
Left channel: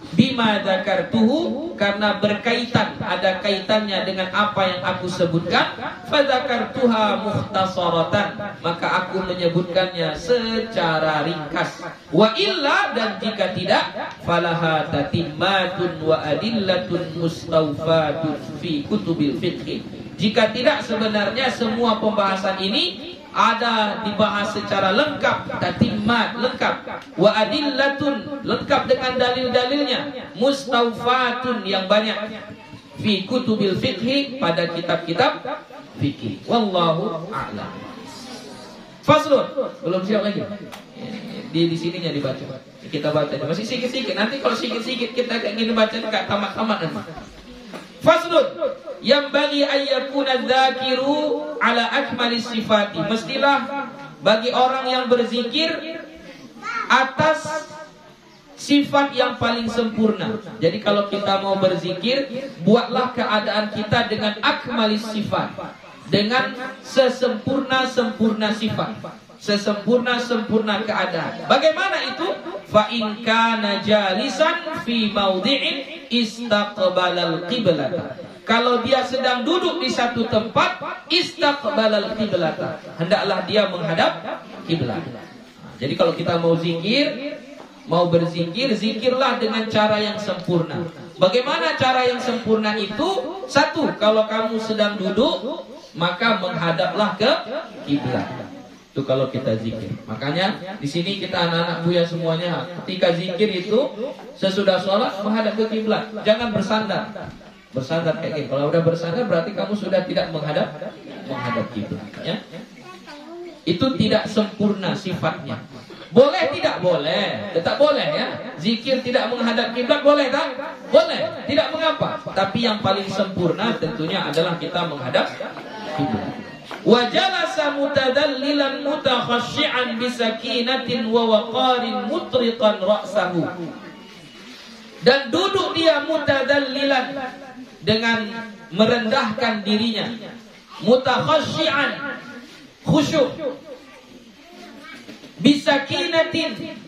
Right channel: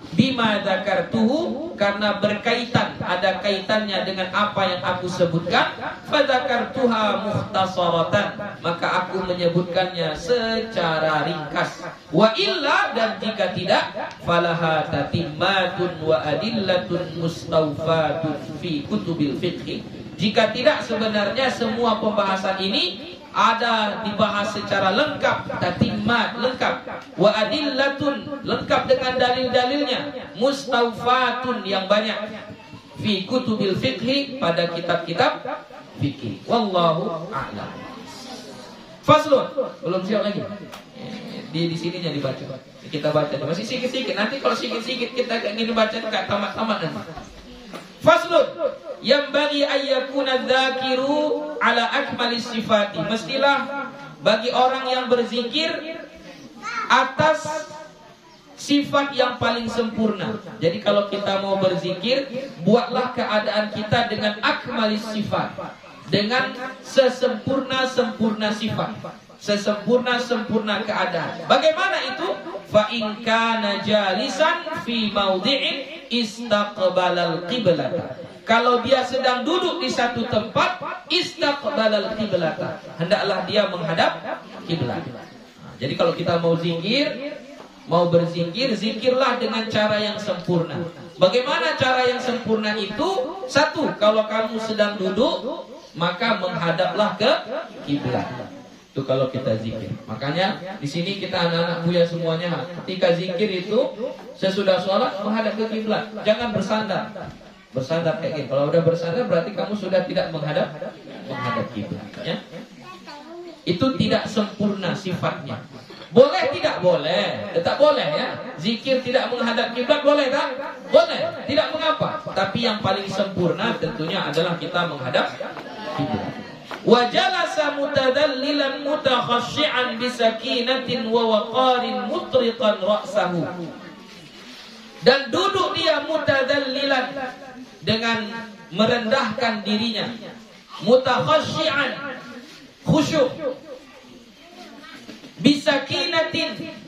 bima dzakartuhu, karena berkaitan, ada kaitannya dengan apa yang aku sebutkan. Fa dzakartuha mukhtasaratan, maka aku menyebutkannya secara ringkas. Wa illa, dan jika tidak, falaha tatimmatun wa adillatun mustawfatun fi kutubil fiqh. Jika tidak, sebenarnya semua pembahasan ini ada dibahas secara lengkap, tatimmat, lengkap, wa adillatun, lengkap dengan dalil-dalilnya, mustawfatun, yang banyak, fi kutubil fiqh, pada kitab-kitab fikih. Wallahu a'lam. Faslun, belum siap lagi. Di sininya dibaca. Kita baca masih sikit-sikit. Nanti kalau sikit-sikit kita kayak gini baca enggak tamat-tamat nanti. Faslun, yang bagi ayyakuna dzakiru ala akmalis sifati. Mestilah bagi orang yang berzikir atas sifat yang paling sempurna. Jadi kalau kita mau berzikir, buatlah keadaan kita dengan akmalis sifat, dengan sesempurna-sempurna sifat, sesempurna-sempurna keadaan. Bagaimana itu? Fa in kana jalisan fi maudhi'in istaqbalal qiblata. Kalau dia sedang duduk di satu tempat, istaqbalal qiblata, hendaklah dia menghadap kiblat. Jadi kalau kita mau zikir, mau berzikir, zikirlah dengan cara yang sempurna. Bagaimana cara yang sempurna itu? Satu, kalau kamu sedang duduk, maka menghadaplah ke kiblat. Itu kalau kita zikir. Makanya di sini kita anak-anak Buya semuanya, ketika zikir itu sesudah sholat menghadap ke kiblat. Jangan bersandar. Bersandar kayak gini. Kalau udah bersandar berarti kamu sudah tidak menghadap kiblat. Ya? Itu tidak sempurna sifatnya. Boleh tidak? Boleh. Tetap boleh ya. Zikir tidak menghadap kiblat boleh tak? Boleh. Tidak mengapa. Tapi yang paling sempurna tentunya adalah kita menghadap kiblat. Wa jalasa mutadallilan mutakhashshi'an bisakinatin wa waqarin mutriqan ra'sahu. Dan duduk dia mutadallilan, dengan merendahkan dirinya, mutakhashshi'an, khusyuk, bisakinatin,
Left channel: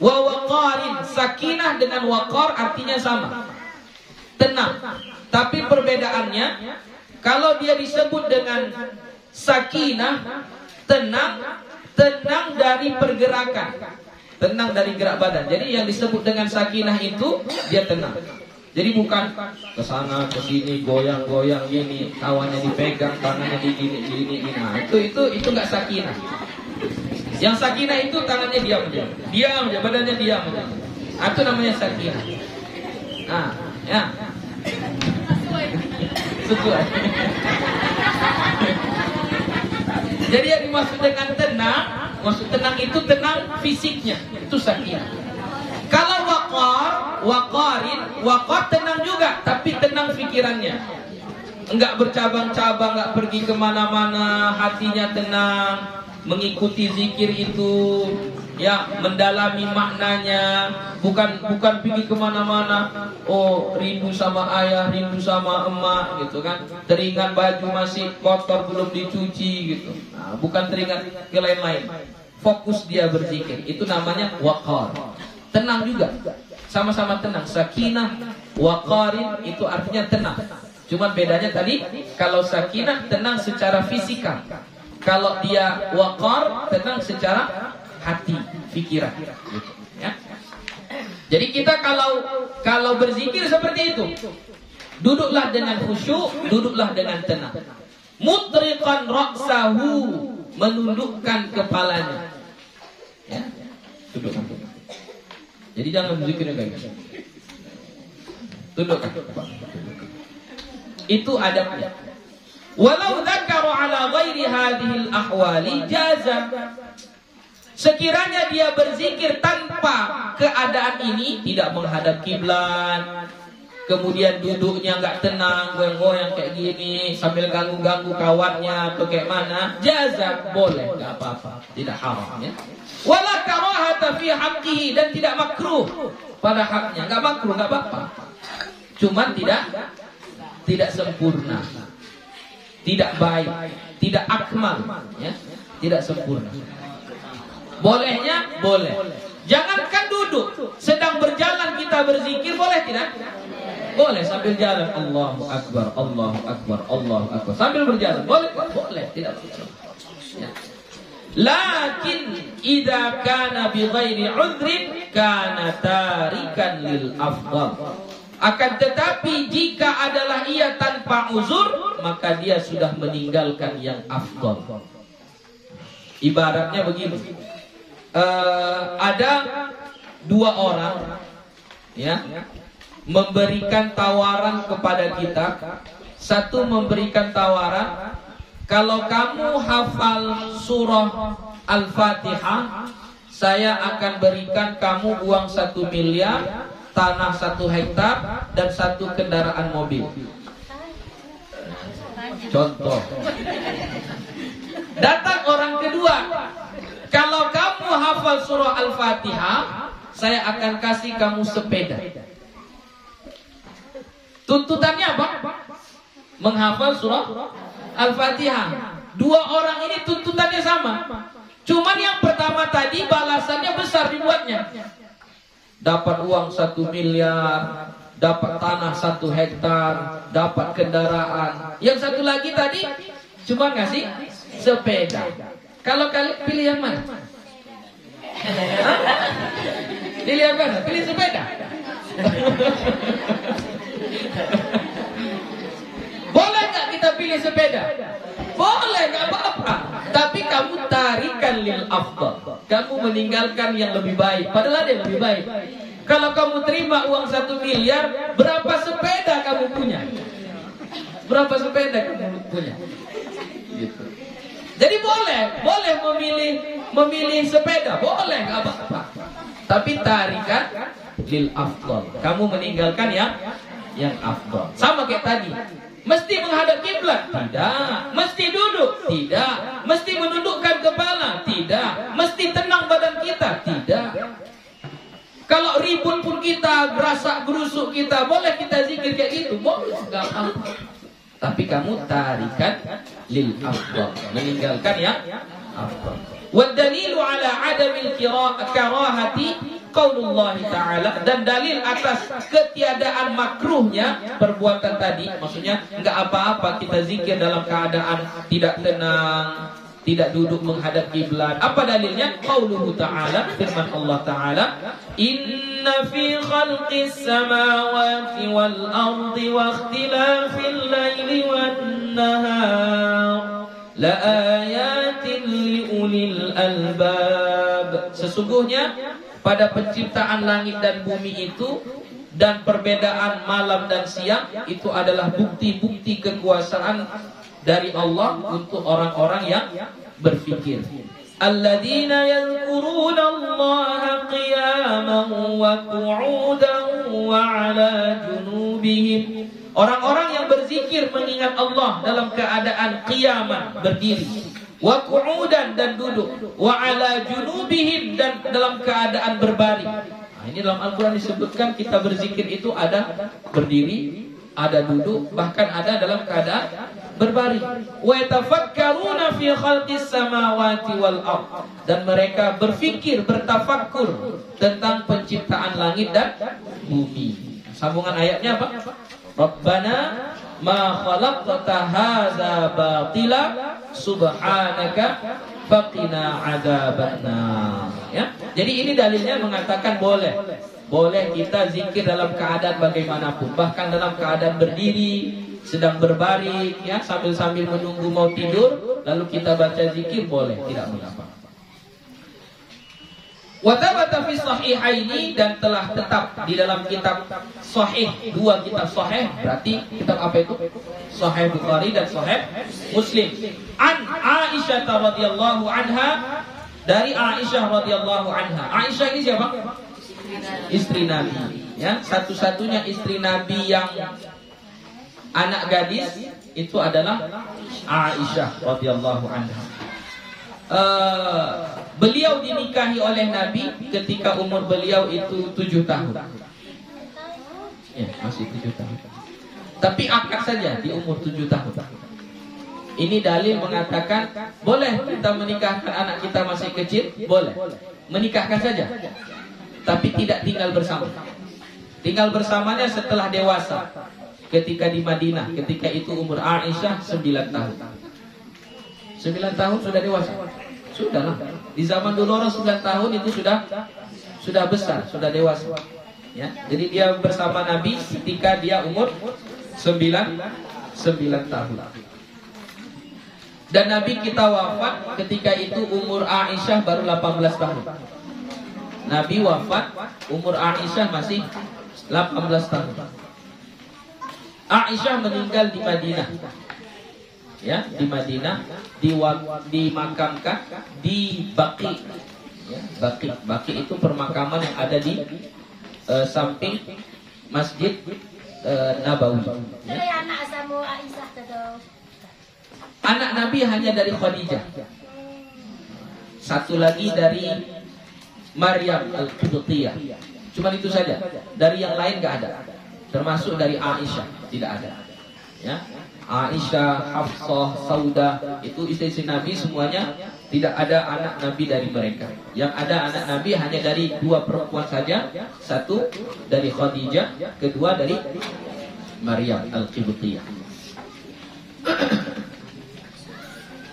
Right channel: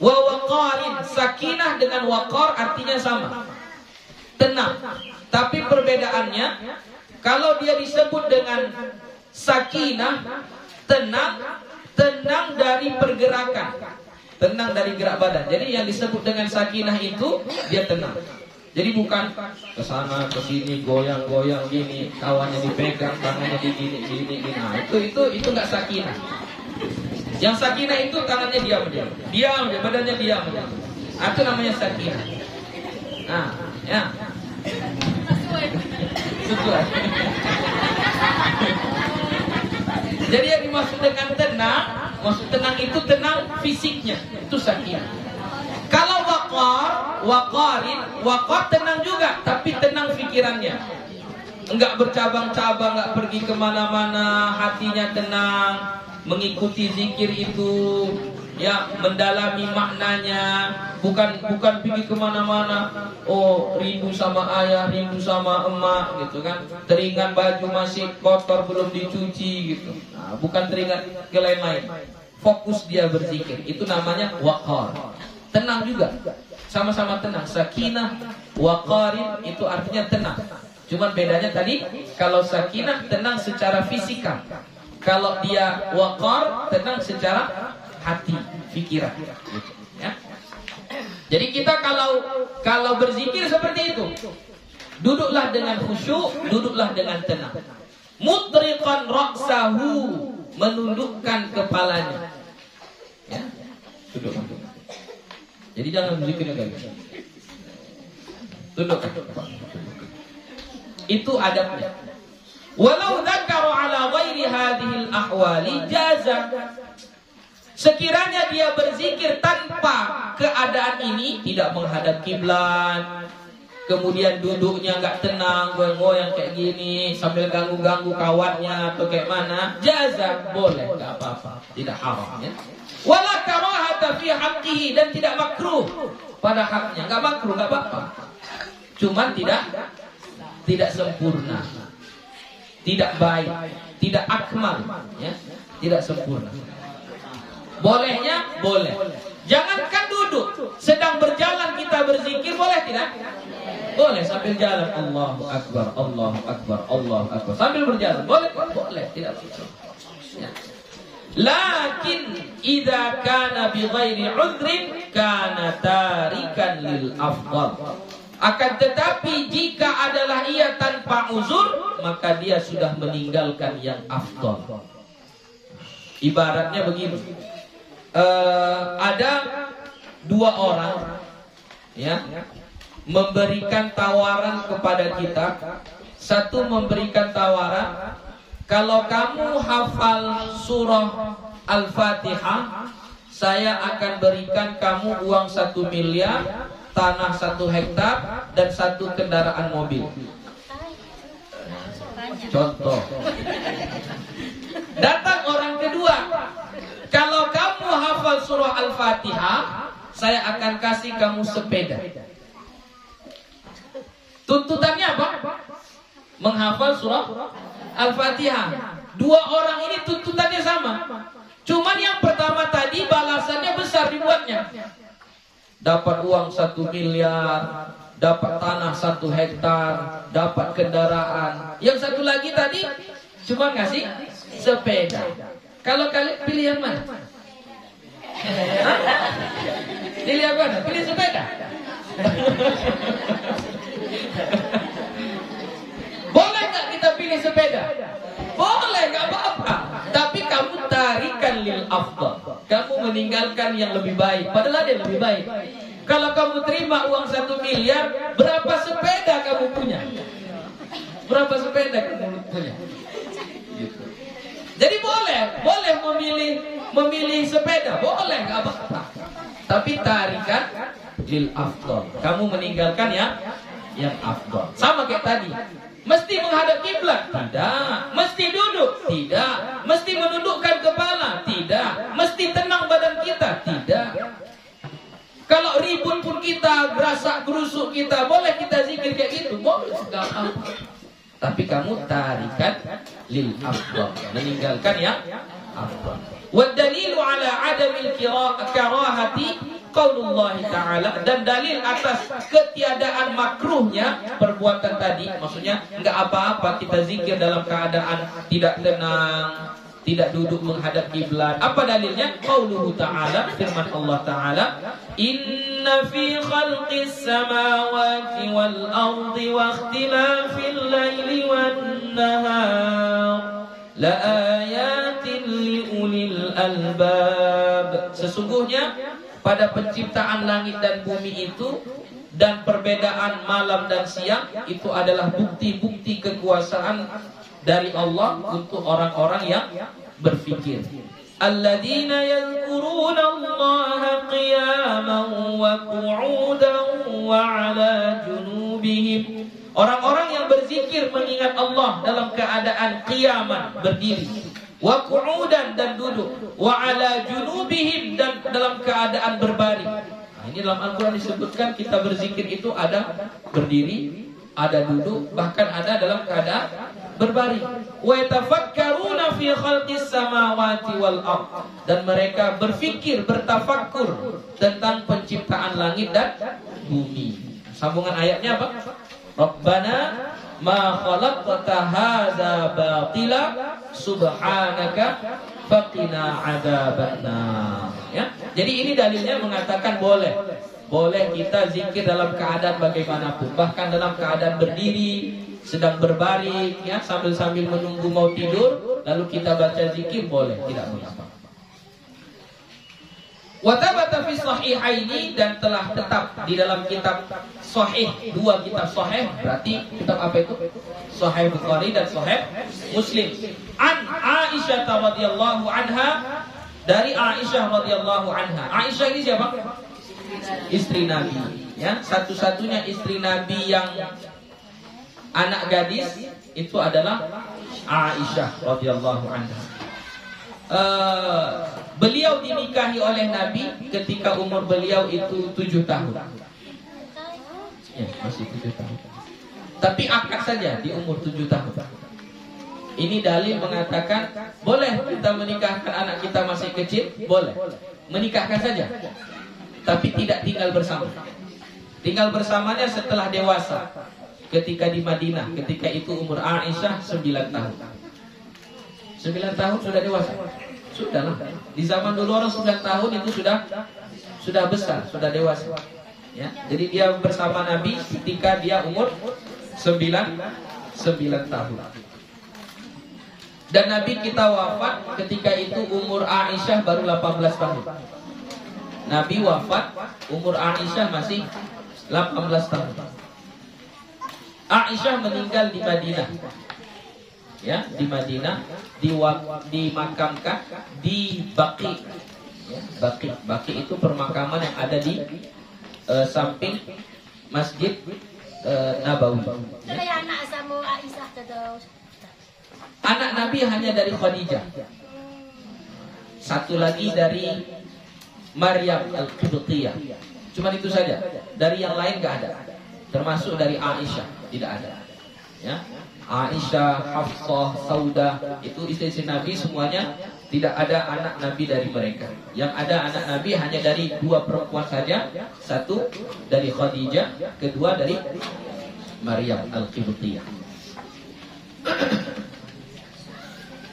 Wa waqarin, sakinah dengan waqar artinya sama, tenang. Tapi perbedaannya, kalau dia disebut dengan sakinah, tenang dari pergerakan, tenang dari gerak badan. Jadi yang disebut dengan sakinah itu dia tenang. Jadi bukan ke sana ke sini goyang-goyang gini, kawannya dipegang, tangannya digini-gini. Nah, itu enggak sakinah. Yang sakinah itu tangannya diam aja, badannya diam aja. Itu namanya sakinah. Nah, ya. Sesuai. Jadi yang dimaksud dengan tenang, maksud tenang itu tenang fisiknya, itu sakinah. Kalau waqar tenang juga, tapi tenang pikirannya. Enggak bercabang-cabang, enggak pergi kemana-mana, hatinya tenang, mengikuti zikir itu, ya, mendalami maknanya, bukan pergi kemana-mana. Oh, rindu sama ayah, rindu sama emak, gitu kan. Teringat baju masih kotor belum dicuci, gitu. Nah, bukan teringat ke lain-lain. Fokus dia berzikir, itu namanya waqar. Tenang juga, sama-sama tenang. Sakinah, waqarin itu artinya tenang. Cuman bedanya tadi, kalau sakinah tenang secara fisikal, kalau dia waqar tenang secara hati, pikiran, gitu, ya. Jadi kita kalau berzikir seperti itu, duduklah dengan khusyuk, duduklah dengan tenang. Mutriqan ra'sahu, menundukkan kepalanya, ya. Duduk. Jadi jangan berzikirnya kayak gitu. Tundukkan. Itu adabnya. Walau dzakaru ala ghairi hadhil ahwali jaza. Sekiranya dia berzikir tanpa keadaan ini, tidak menghadap kiblat, kemudian duduknya enggak tenang, goyang-goyang kayak gini, sambil ganggu-ganggu kawannya atau kayak mana, jaza, boleh, enggak apa-apa, tidak haram, ya. Wala karahata fi haqqihi, dan tidak makruh pada haknya, enggak makruh, enggak apa-apa. Cuman tidak sempurna, tidak baik, tidak akmal, ya, tidak sempurna. Bolehnya boleh. Jangankan duduk, sedang berjalan kita berzikir, boleh tidak? Boleh sambil jalan, Allahu Akbar, Allahu Akbar, Allahu Akbar, sambil berjalan, boleh? Boleh, tidak apa-apa, ya. Lakin idza kana bi ghairi udhrin kana tarikan lil afdal. Akan tetapi jika adalah ia tanpa uzur, maka dia sudah meninggalkan yang afdal. Ibaratnya begini, ada dua orang, ya, memberikan tawaran kepada kita. Satu memberikan tawaran, kalau kamu hafal surah Al-Fatihah, saya akan berikan kamu uang 1 miliar, tanah 1 hektar, dan 1 kendaraan mobil. Contoh. Datang orang kedua, kalau kamu hafal surah Al-Fatihah, saya akan kasih kamu sepeda. Tuntutannya apa? Menghafal surah Al-Fatihah. Dua orang ini tuntutannya sama. Cuman yang pertama tadi balasannya besar dibuatnya. Dapat uang 1 miliar, dapat tanah 1 hektar, dapat kendaraan. Yang satu lagi tadi cuma ngasih sepeda. Kalau kalian pilih yang mana? Pilih yang mana? Pilih sepeda. Boleh nggak kita pilih sepeda? Boleh, nggak apa-apa. Tapi kamu tarikan lil afdal. Kamu meninggalkan yang lebih baik. Padahal ada yang lebih baik. Kalau kamu terima uang 1 miliar, berapa sepeda kamu punya? Berapa sepeda kamu punya? Gitu. Jadi boleh memilih sepeda, boleh, nggak apa-apa. Tapi tarikan lil afdal. Kamu meninggalkan yang afdal. Sama kayak tadi. Mesti menghadap kiblat? Tidak. Mesti duduk? Tidak. Mesti menundukkan kepala? Tidak. Mesti tenang badan kita? Tidak. Kalau ribut pun kita, gerasak gerusuk kita, boleh kita zikir kayak gitu? Boleh. Enggak apa-apa. Tapi kamu tarikan lil afdal, meninggalkan yang afdal. Wad dalilu ala adamil karahati qaulullah ta'ala, dan dalil atas ketiadaan makruhnya perbuatan tadi, maksudnya enggak apa-apa kita zikir dalam keadaan tidak tenang, tidak duduk menghadap kiblat. Apa dalilnya? Qauluhu ta'ala, firman Allah Ta'ala, inna fi khalqis samawati wal ardi wa ikhtilafil laili wan nahar la ayatin liulil albab. Sesungguhnya pada penciptaan langit dan bumi itu dan perbedaan malam dan siang itu adalah bukti-bukti kekuasaan dari Allah untuk orang-orang yang berfikir. Alladzina yadhkuruna Allaha qiyaman wa qu'udan wa 'ala junubihim. Orang-orang yang berzikir mengingat Allah dalam keadaan qiyaman, berdiri, wa qu'udan, dan duduk, wa 'ala junubihim, dan dalam keadaan berbaring. Nah, ini dalam Al-Qur'an disebutkan kita berzikir itu ada berdiri, ada duduk, bahkan ada dalam keadaan berbaring. Wa yatafakkaruna fi khalqis samawati wal ard, dan mereka berfikir, bertafakkur tentang penciptaan langit dan bumi. Sambungan ayatnya apa? Rabbana ma khalaqta hadza batila subhanaka faqina adzabannar. Ya. Jadi ini dalilnya mengatakan boleh kita zikir dalam keadaan bagaimanapun, bahkan dalam keadaan berdiri, sedang berbaring, ya, sambil menunggu mau tidur, lalu kita baca zikir, boleh, tidak mengapa. Wa thabata fi sahihaini, dan telah tetap di dalam kitab sahih, dua kitab sahih, berarti kitab apa itu? Sahih Bukhari dan Sahih Muslim. An Aisyah radhiyallahu anha, dari Aisyah radhiyallahu anha. Aisyah ini siapa? Istri Nabi, ya, satu-satunya istri Nabi yang anak gadis itu adalah Aisyah radhiyallahu anha. Beliau dinikahi oleh Nabi ketika umur beliau itu 7 tahun. Ya, masih 7 tahun. Tapi akad saja di umur 7 tahun. Ini dalil mengatakan boleh kita menikahkan anak kita masih kecil, boleh. Menikahkan saja. Tapi tidak tinggal bersama. Tinggal bersamanya setelah dewasa. Ketika di Madinah, ketika itu umur Aisyah 9 tahun. 9 tahun sudah dewasa. Sudahlah. Di zaman dulu orang 9 tahun itu sudah besar, sudah dewasa. Ya. Jadi dia bersama Nabi ketika dia umur 9 tahun. Dan Nabi kita wafat ketika itu umur Aisyah baru 18 tahun. Nabi wafat umur Aisyah masih 18 tahun. Aisyah meninggal di Madinah. Ya, di Madinah, dimakamkan di Baqi. Ya, Baqi itu permakaman yang ada di samping Masjid Nabawi. Ya. Anak Nabi hanya dari Khadijah. Satu lagi dari Maryam Al-Qibtiyah. Cuma itu saja. Dari yang lain enggak ada. Termasuk dari Aisyah tidak ada. Ya. Aisyah, Hafsah, Saudah, itu istri-istri Nabi semuanya tidak ada anak Nabi dari mereka. Yang ada anak Nabi hanya dari 2 perempuan saja. Satu dari Khadijah, kedua dari Maryam Al-Qibtiyah.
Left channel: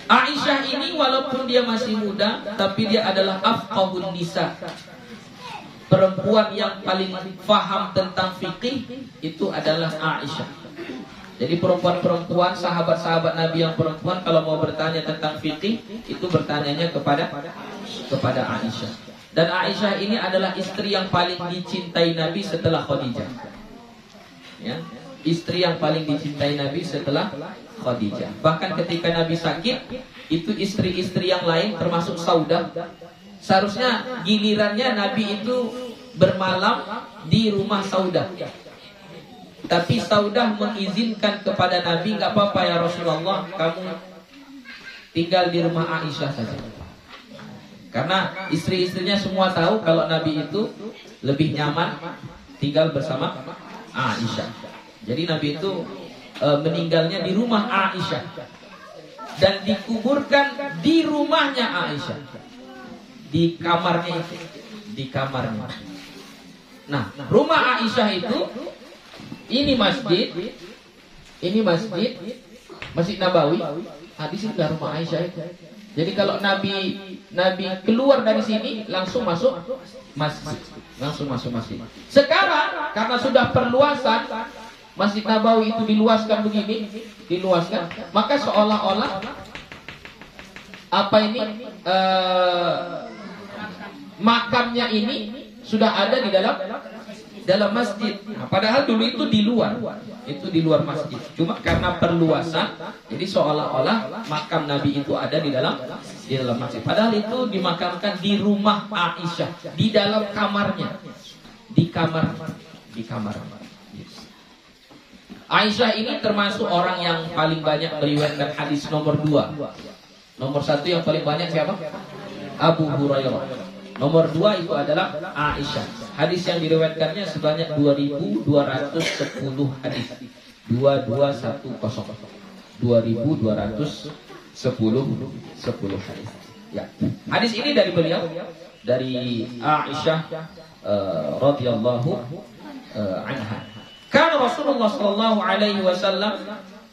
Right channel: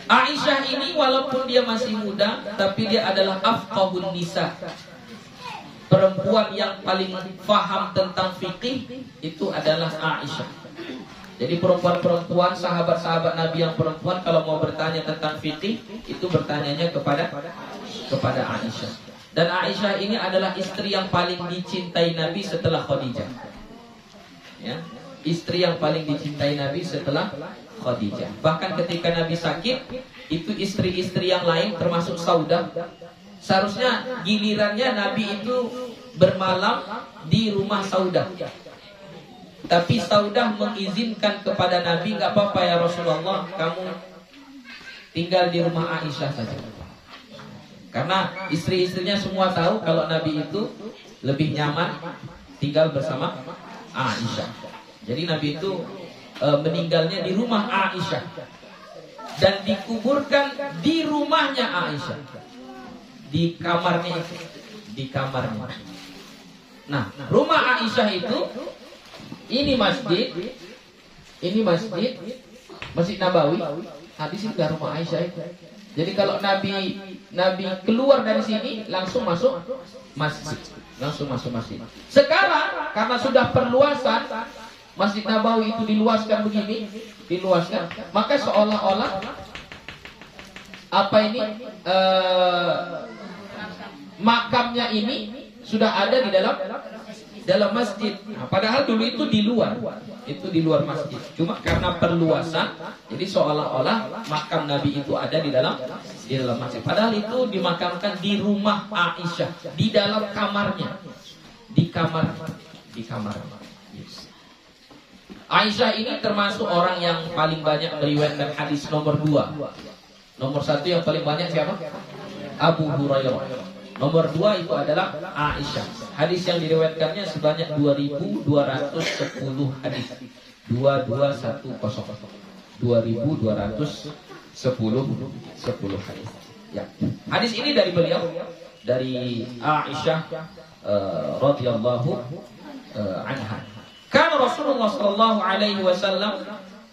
Aisyah ini walaupun dia masih muda, tapi dia adalah afqahun nisa. Perempuan yang paling faham tentang fikih itu adalah Aisyah. Jadi perempuan-perempuan, sahabat-sahabat Nabi yang perempuan kalau mau bertanya tentang fikih itu bertanyanya kepada Aisyah. Dan Aisyah ini adalah istri yang paling dicintai Nabi setelah Khadijah. Ya, istri yang paling dicintai Nabi setelah Khadijah. Bahkan ketika Nabi sakit, itu istri-istri yang lain termasuk Saudah, seharusnya gilirannya Nabi itu bermalam di rumah Saudah. Tapi Saudah mengizinkan kepada Nabi, enggak apa-apa ya Rasulullah, kamu tinggal di rumah Aisyah saja. Karena istri-istrinya semua tahu kalau Nabi itu lebih nyaman tinggal bersama Aisyah. Jadi Nabi itu meninggalnya di rumah Aisyah dan dikuburkan di rumahnya Aisyah, di kamarnya itu, di kamarnya. Nah, rumah Aisyah itu ini masjid Masjid Nabawi. Di sini rumah Aisyah itu. Jadi kalau Nabi keluar dari sini langsung masuk masjid. Sekarang karena sudah perluasan Masjid Nabawi itu diluaskan, maka seolah-olah makamnya ini sudah ada di dalam masjid. Nah, padahal dulu itu di luar masjid. Cuma karena perluasan, jadi seolah-olah makam Nabi itu ada di dalam masjid. Padahal itu dimakamkan di rumah Aisyah, di dalam kamarnya, di kamarnya. Aisyah ini termasuk orang yang paling banyak meriwayatkan hadis nomor 2. Nomor 1 yang paling banyak siapa? Abu Hurairah. Nomor 2 itu adalah Aisyah. Hadis yang diriwayatkannya sebanyak 2.210 hadis. 2210 hadis. Ya. Hadis ini dari beliau, dari Aisyah radhiyallahu anha. Kana Rasulullah sallallahu alaihi wasallam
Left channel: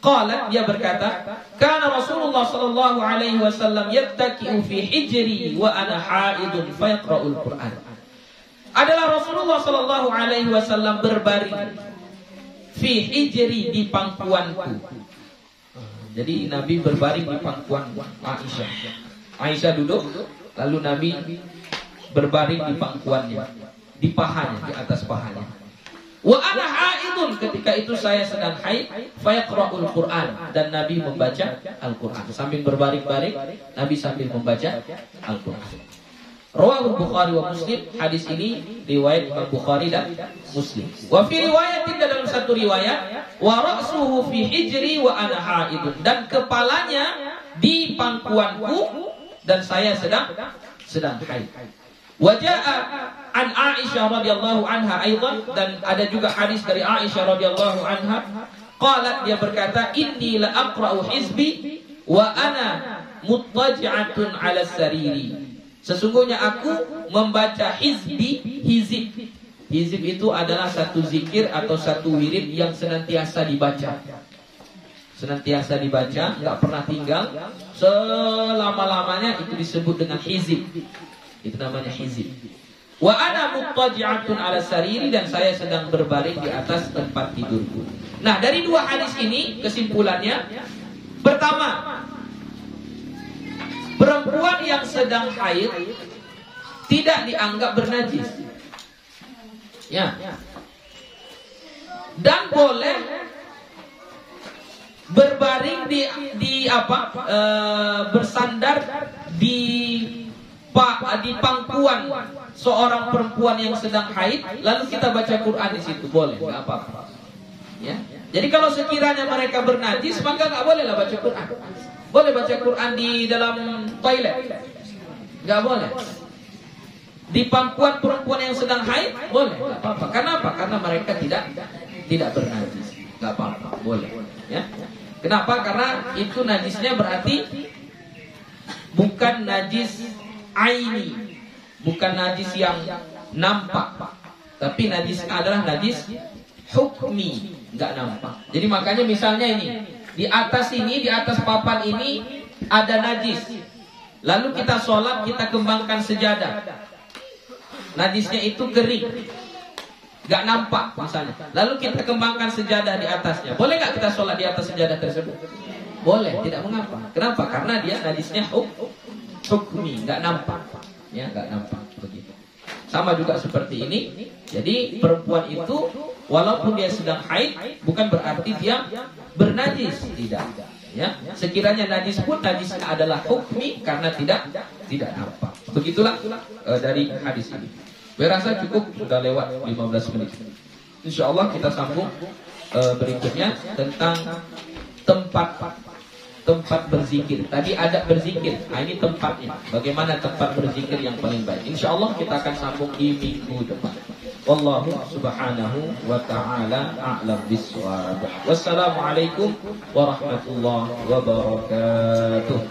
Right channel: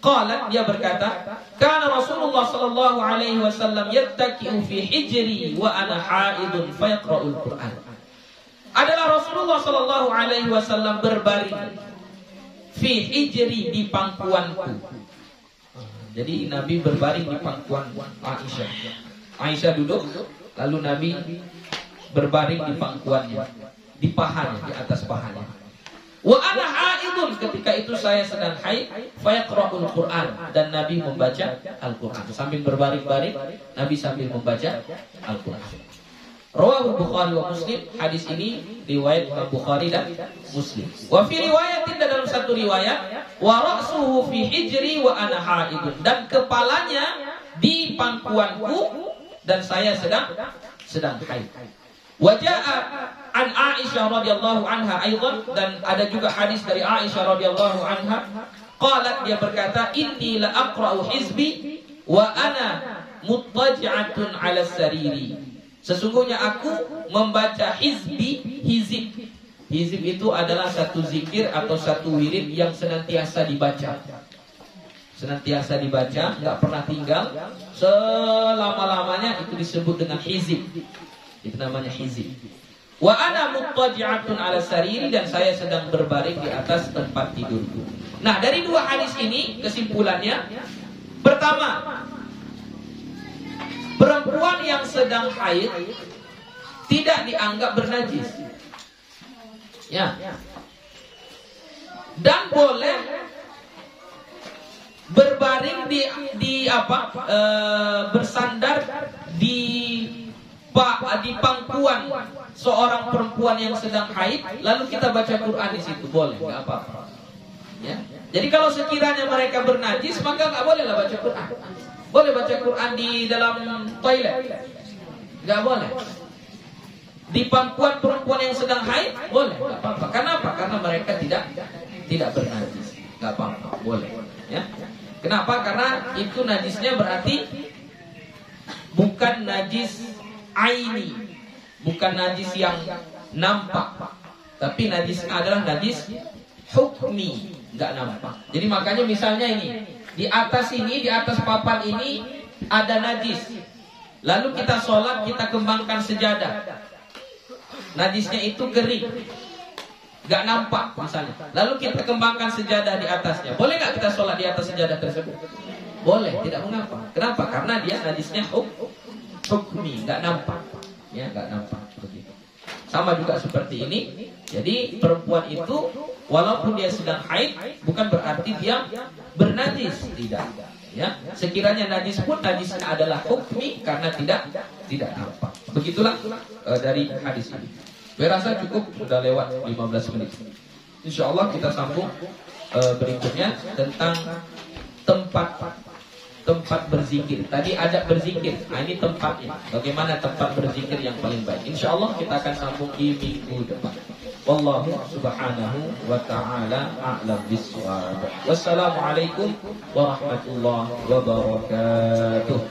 qalat, dia berkata, kana Rasulullah sallallahu alaihi wasallam yattaki'u fi hijri wa ana haidun fayaqra'ul Qur'an. Adalah Rasulullah sallallahu alaihi wasallam berbaring fi hijri, di pangkuanku. Jadi Nabi berbaring di pangkuan Aisyah. Aisyah duduk, lalu Nabi berbaring di pangkuannya, di pahanya, di atas pahanya. Wa ana haidun, ketika itu saya sedang haid, fayaqra'ul Qur'an, dan Nabi membaca Al-Qur'an. Sambil berbaring-baring, Nabi sambil membaca Al-Qur'an. Rawahu Bukhari wa Muslim. Hadis ini riwayat Bukhari dan Muslim. Wa fi riwayatin, dalam satu riwayat, wa ra'suhu fi hijri wa ana haidun, dan kepalanya di pangkuanku dan saya sedang haid. Waja'a an Aisyah radhiyallahu anha aidan, dan ada juga hadis dari Aisyah radhiyallahu anha, qalat, dia berkata, inni la aqra'u hizbi wa ana muttaji'atun 'ala sariri. Sesungguhnya aku membaca hizib. Hizib itu adalah satu zikir atau satu wirid yang senantiasa dibaca. Enggak pernah tinggal, selama-lamanya, itu disebut dengan hizib. Itu namanya hizib. Wa ana muttaji'atun 'ala sariri, dan saya sedang berbaring di atas tempat tidurku. Nah, dari dua hadis ini kesimpulannya, pertama, perempuan yang sedang haid tidak dianggap bernajis. Ya. Dan boleh berbaring bersandar di pangkuan seorang perempuan yang sedang haid, lalu kita baca Quran di situ, boleh, nggak apa-apa. Ya. Jadi kalau sekiranya mereka bernajis, maka nggak bolehlah baca Quran. Boleh baca Quran di dalam toilet, nggak boleh. Di pangkuan perempuan yang sedang haid, boleh, nggak apa-apa. Kenapa? Karena mereka tidak bernajis, nggak apa-apa, boleh. Ya. Kenapa? Karena itu najisnya berarti bukan najis aini, bukan najis yang nampak, tapi najisnya adalah najis hukmi, nggak nampak. Jadi makanya misalnya ini, di atas papan ini ada najis, lalu kita sholat, kita kembangkan sejadah, najisnya itu kering, nggak nampak misalnya, lalu kita kembangkan sejadah di atasnya, boleh nggak kita sholat di atas sejadah tersebut? Boleh, tidak mengapa. Kenapa? Karena dia najisnya hukmi, nggak nampak, ya, nggak nampak, begitu. Sama juga seperti ini. Jadi perempuan itu walaupun dia sedang haid, bukan berarti dia bernajis, tidak. Ya, sekiranya najis pun najisnya adalah hukmi karena tidak nampak. Begitulah dari hadis ini. Berasa cukup, sudah lewat 15 menit. Insyaallah kita sambung berikutnya tentang tempat berzikir. Tadi ada berzikir. Nah, ini tempatnya. Bagaimana tempat berzikir yang paling baik? Insyaallah kita akan sambung di minggu depan. Wallahu subhanahu wa ta'ala a'lam bissawab. Wassalamualaikum warahmatullahi wabarakatuh.